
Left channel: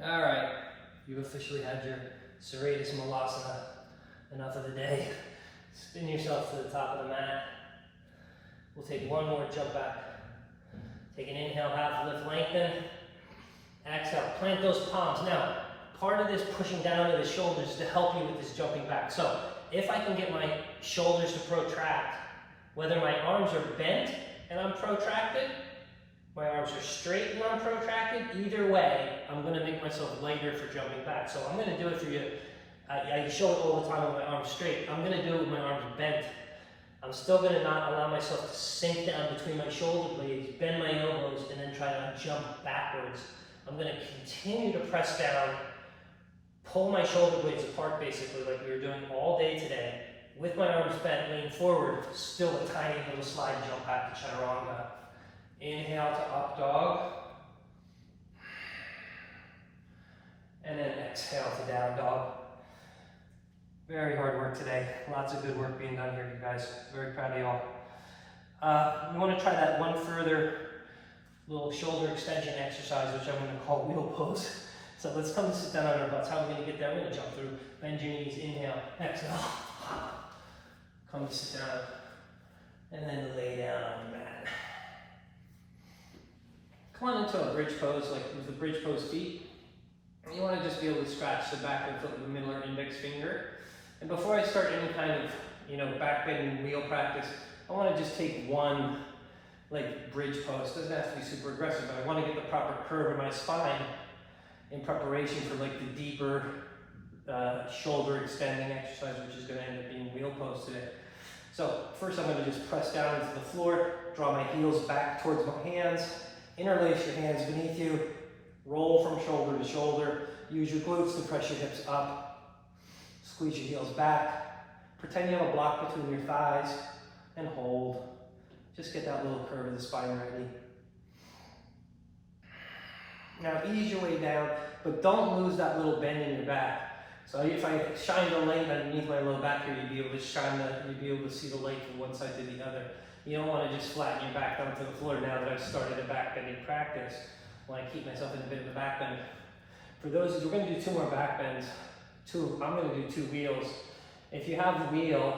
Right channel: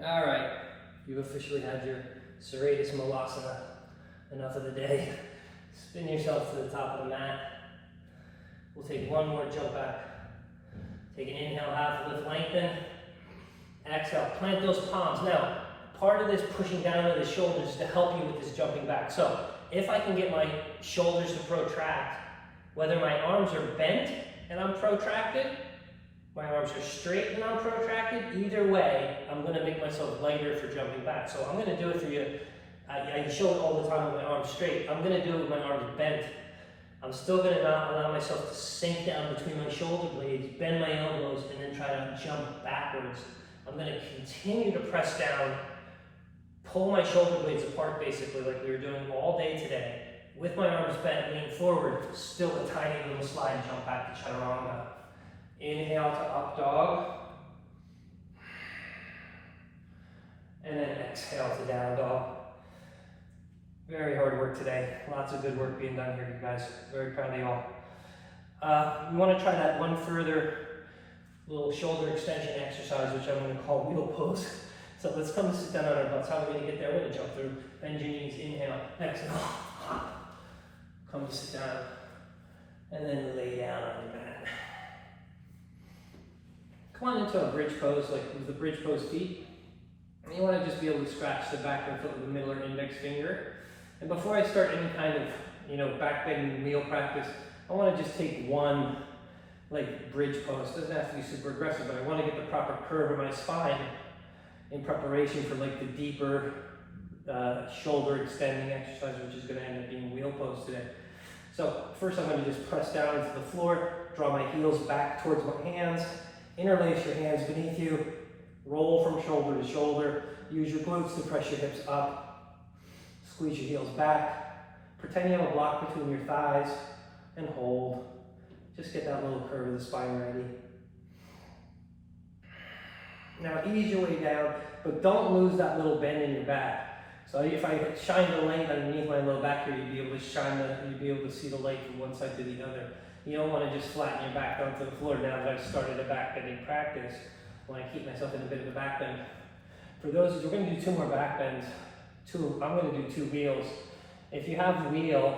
All right, you've officially had your serratus Malasana. Enough of the day. Spin yourself to the top of the mat. We'll take one more jump back. Take an inhale, half lift, lengthen. Exhale, plant those palms. Now, part of this pushing down to the shoulders is to help you with this jumping back. So, if I can get my shoulders to protract, whether my arms are bent and I'm protracted, my arms are straight and I'm protracted, either way, I'm gonna make myself lighter for jumping back. So I'm gonna do it for you. I show it all the time with my arms straight. I'm gonna do it with my arms bent. I'm still gonna not allow myself to sink down between my shoulder blades, bend my elbows, and then try to jump backwards. I'm gonna continue to press down, pull my shoulder blades apart basically like we were doing all day today, with my arms bent, lean forward, still a tiny little slide and jump back to chaturanga. Inhale to up dog. And then exhale to down dog. Very hard work today. Lots of good work being done here, you guys. Very proud of y'all. You want to try that one further little shoulder extension exercise, which I'm going to call wheel pose. So let's come to sit down on our butts. How are we going to get there? We're going to jump through. Bend your knees. Inhale. Exhale. Come to sit down. And then lay down on the mat. Come on into a bridge pose, like with the bridge pose feet. And you want to just be able to scratch the back of the foot with the middle or index finger. And before I start any kind of, back bending wheel practice, I want to just take one, bridge pose. It doesn't have to be super aggressive, but I want to get the proper curve of my spine in preparation for the deeper shoulder extending exercise, which is going to end up being wheel pose today. So first I'm going to just press down into the floor, draw my heels back towards my hands, interlace your hands beneath you, roll from shoulder to shoulder, use your glutes to press your hips up, squeeze your heels back, pretend you have a block between your thighs, and hold. Just get that little curve of the spine ready. Now ease your way down, but don't lose that little bend in your back. So if I shine the light underneath my low back here, you'd be able to see the light from one side to the other. You don't want to just flatten your back down to the floor now that I've started a back bending practice. I want to keep myself in a bit of a back bend. For those, we're going to do 2 more back bends. I'm going to do 2 wheels. If you have the wheel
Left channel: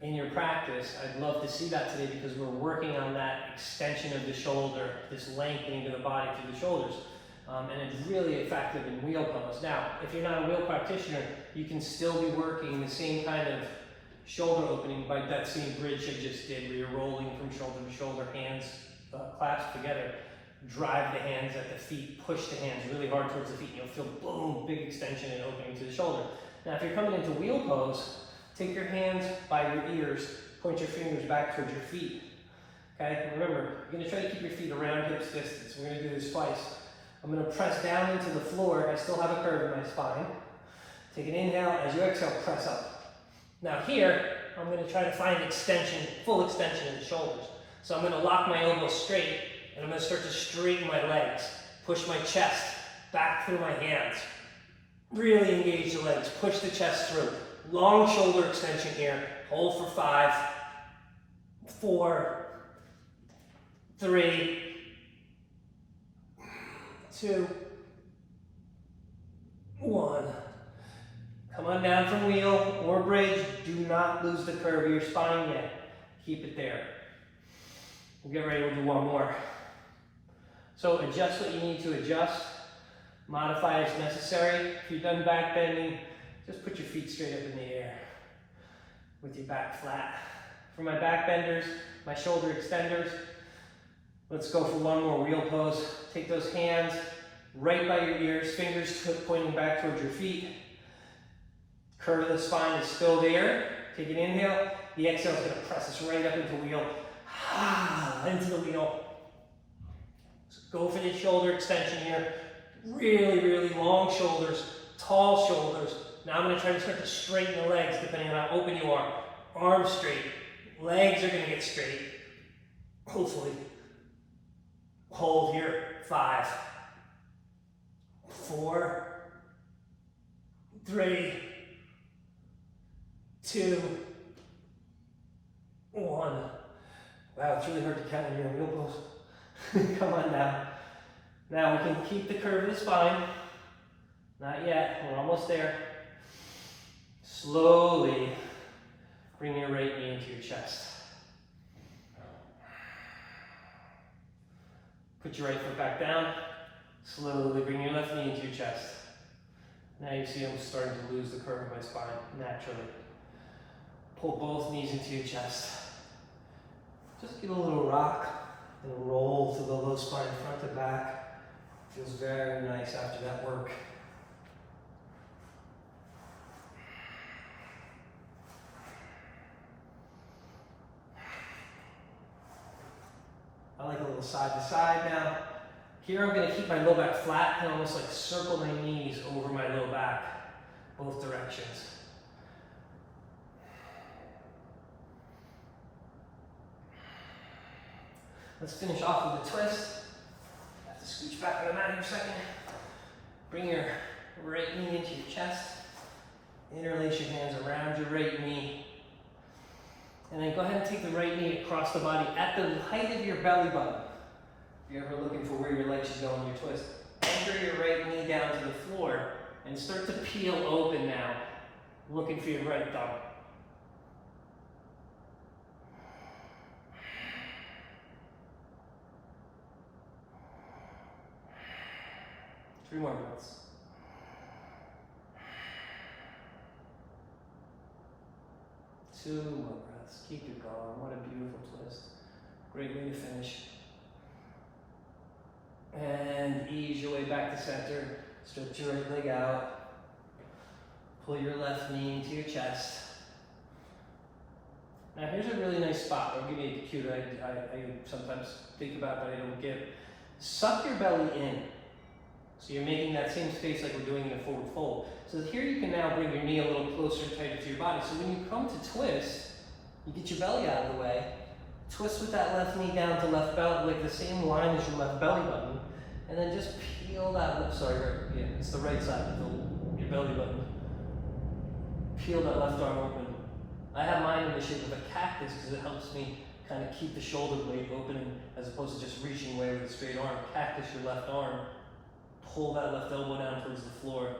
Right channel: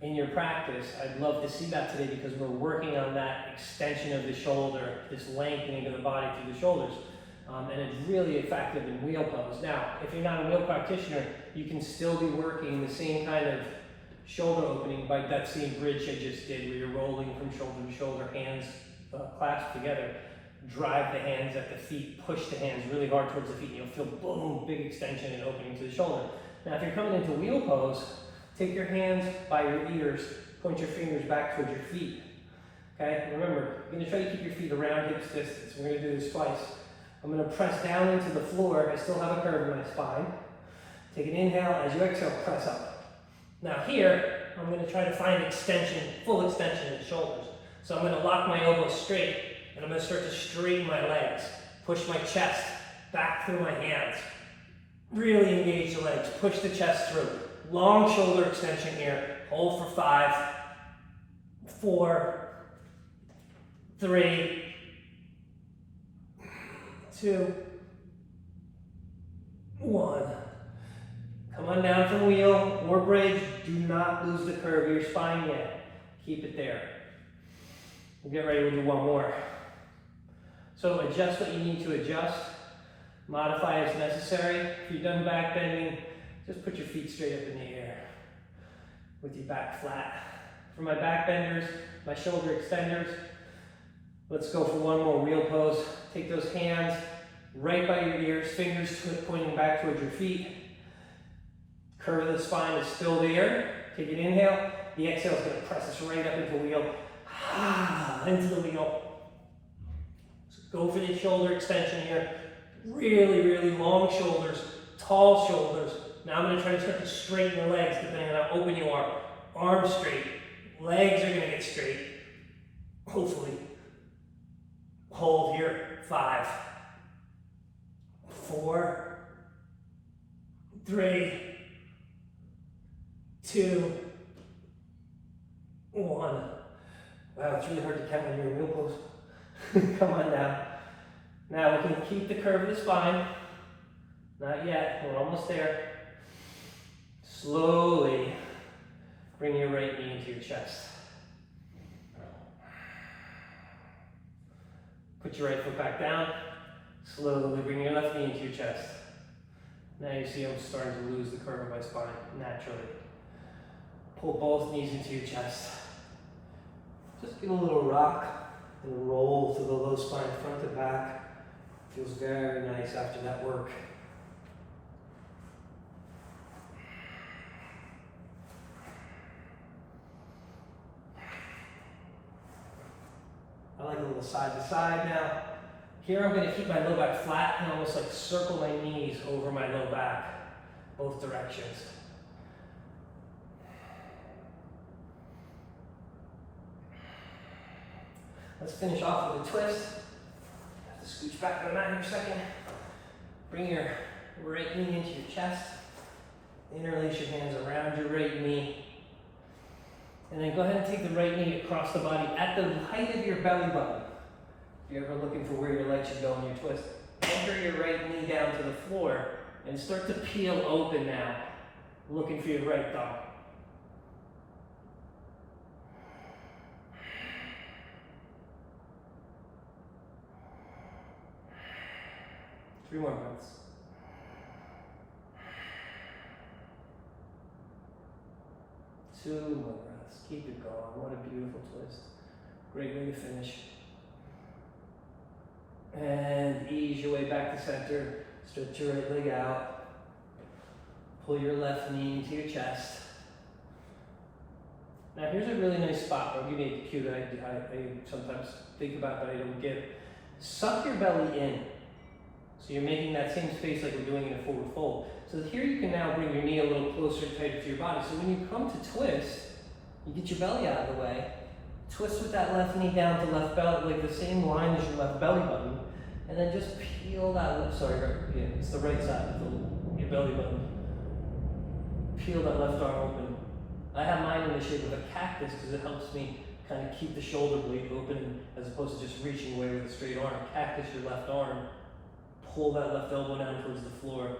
in your practice, I'd love to see that today because we're working on that extension of the shoulder, this lengthening of the body through the shoulders. And it's really effective in wheel pose. Now, if you're not a wheel practitioner, you can still be working the same kind of shoulder opening by that same bridge I just did, where you're rolling from shoulder to shoulder, hands clasped together. Drive the hands at the feet, push the hands really hard towards the feet, and you'll feel boom, big extension and opening to the shoulder. Now, if you're coming into wheel pose, take your hands by your ears, point your fingers back towards your feet. Okay, remember, you're gonna try to keep your feet around hips distance. We're gonna do this twice. I'm going to press down into the floor. I still have a curve in my spine. Take an inhale. As you exhale, press up. Now here, I'm going to try to find extension, full extension of the shoulders. So I'm going to lock my elbows straight, and I'm going to start to straighten my legs. Push my chest back through my hands. Really engage the legs. Push the chest through. Long shoulder extension here. Hold for 5, 4, 3, 2, 1. Come on down from wheel or bridge. Do not lose the curve of your spine yet. Keep it there. We'll get ready, we'll do 1 more. So adjust what you need to adjust. Modify as necessary. If you've done back bending, just put your feet straight up in the air with your back flat. For my back benders, my shoulder extenders, let's go for 1 more wheel pose. Take those hands right by your ears, fingers pointing back towards your feet. Curve of the spine is still there. Take an inhale. The exhale is going to press us right up into wheel. Into the wheel. So go for the shoulder extension here. Really, really long shoulders, tall shoulders. Now I'm going to try to start to straighten the legs depending on how open you are. Arms straight. Legs are going to get straight. Hopefully. Hold here. 5, 4, 3, 2, 1. Wow, it's really hard to count when you're in wheel pose. Come on now. Now we can keep the curve of the spine. Not yet, we're almost there. Slowly bring your right knee into your chest. Put your right foot back down. Slowly bring your left knee into your chest. Now you see I'm starting to lose the curve of my spine naturally. Pull both knees into your chest. Just give a little rock and roll through the low spine front to back. Feels very nice after that work. I like a little side to side now. Here I'm going to keep my low back flat and almost like circle my knees over my low back, both directions. Let's finish off with a twist. Have to scooch back on the mat in a second. Bring your right knee into your chest. Interlace your hands around your right knee. And then go ahead and take the right knee across the body at the height of your belly button. If you're ever looking for where your leg should go in your twist, anchor your right knee down to the floor and start to peel open now, looking for your right thumb. Three more breaths. Two more breaths. Keep it going. What a beautiful twist. Great way to finish. And ease your way back to center. Stretch your right leg out. Pull your left knee into your chest. Now here's a really nice spot. I'll give you a cue that I sometimes think about but I don't get. Suck your belly in. So you're making that same space like we're doing in a forward fold. So here you can now bring your knee a little closer and tighter to your body. So when you come to twist, you get your belly out of the way. Twist with that left knee down to left belly, like the same line as your left belly button. And then just peel that left, it's the right side of your belly button. Peel that left arm open. I have mine in the shape of a cactus because it helps me kind of keep the shoulder blade open as opposed to just reaching away with a straight arm. Cactus your left arm. Pull that left elbow down towards the floor.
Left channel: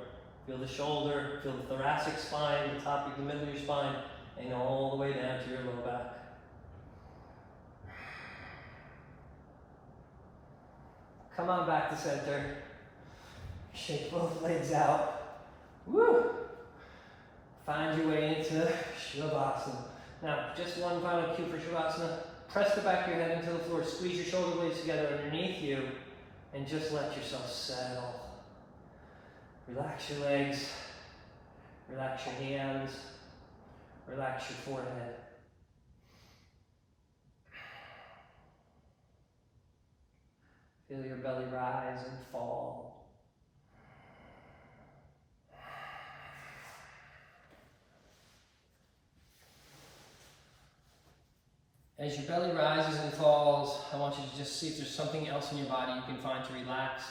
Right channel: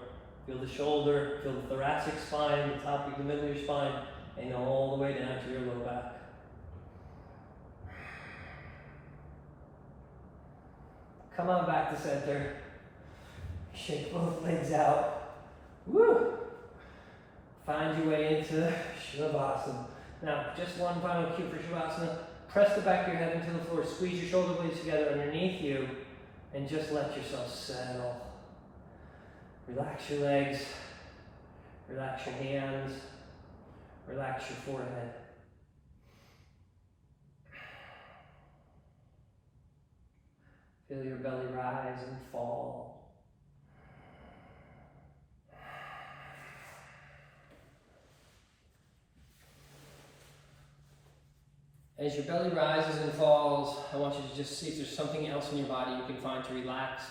Feel the shoulder, feel the thoracic spine, the top of the middle of your spine, and all the way down to your low back. Come on back to center. Shake both legs out. Woo! Find your way into Shavasana. Now, just one final cue for Shavasana. Press the back of your head into the floor. Squeeze your shoulder blades together underneath you. And just let yourself settle. Relax your legs. Relax your hands. Relax your forehead. Feel your belly rise and fall. As your belly rises and falls, I want you to just see if there's something else in your body you can find to relax.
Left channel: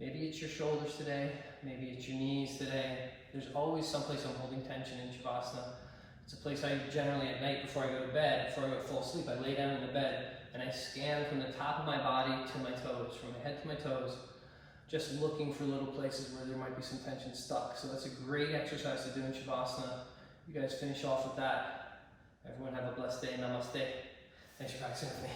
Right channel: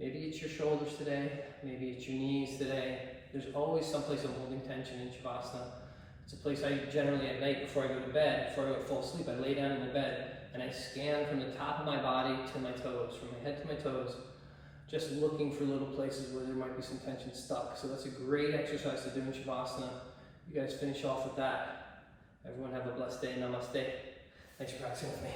Maybe it's your shoulders today, maybe it's your knees today. There's always some place I'm holding tension in Shavasana. It's a place I generally at night before I go to bed, before I fall asleep, I lay down in the bed and I scan from the top of my body to my toes, from my head to my toes, just looking for little places where there might be some tension stuck. So that's a great exercise to do in Shavasana. You guys finish off with that. Everyone have a blessed day. Namaste. Thanks for practicing with me.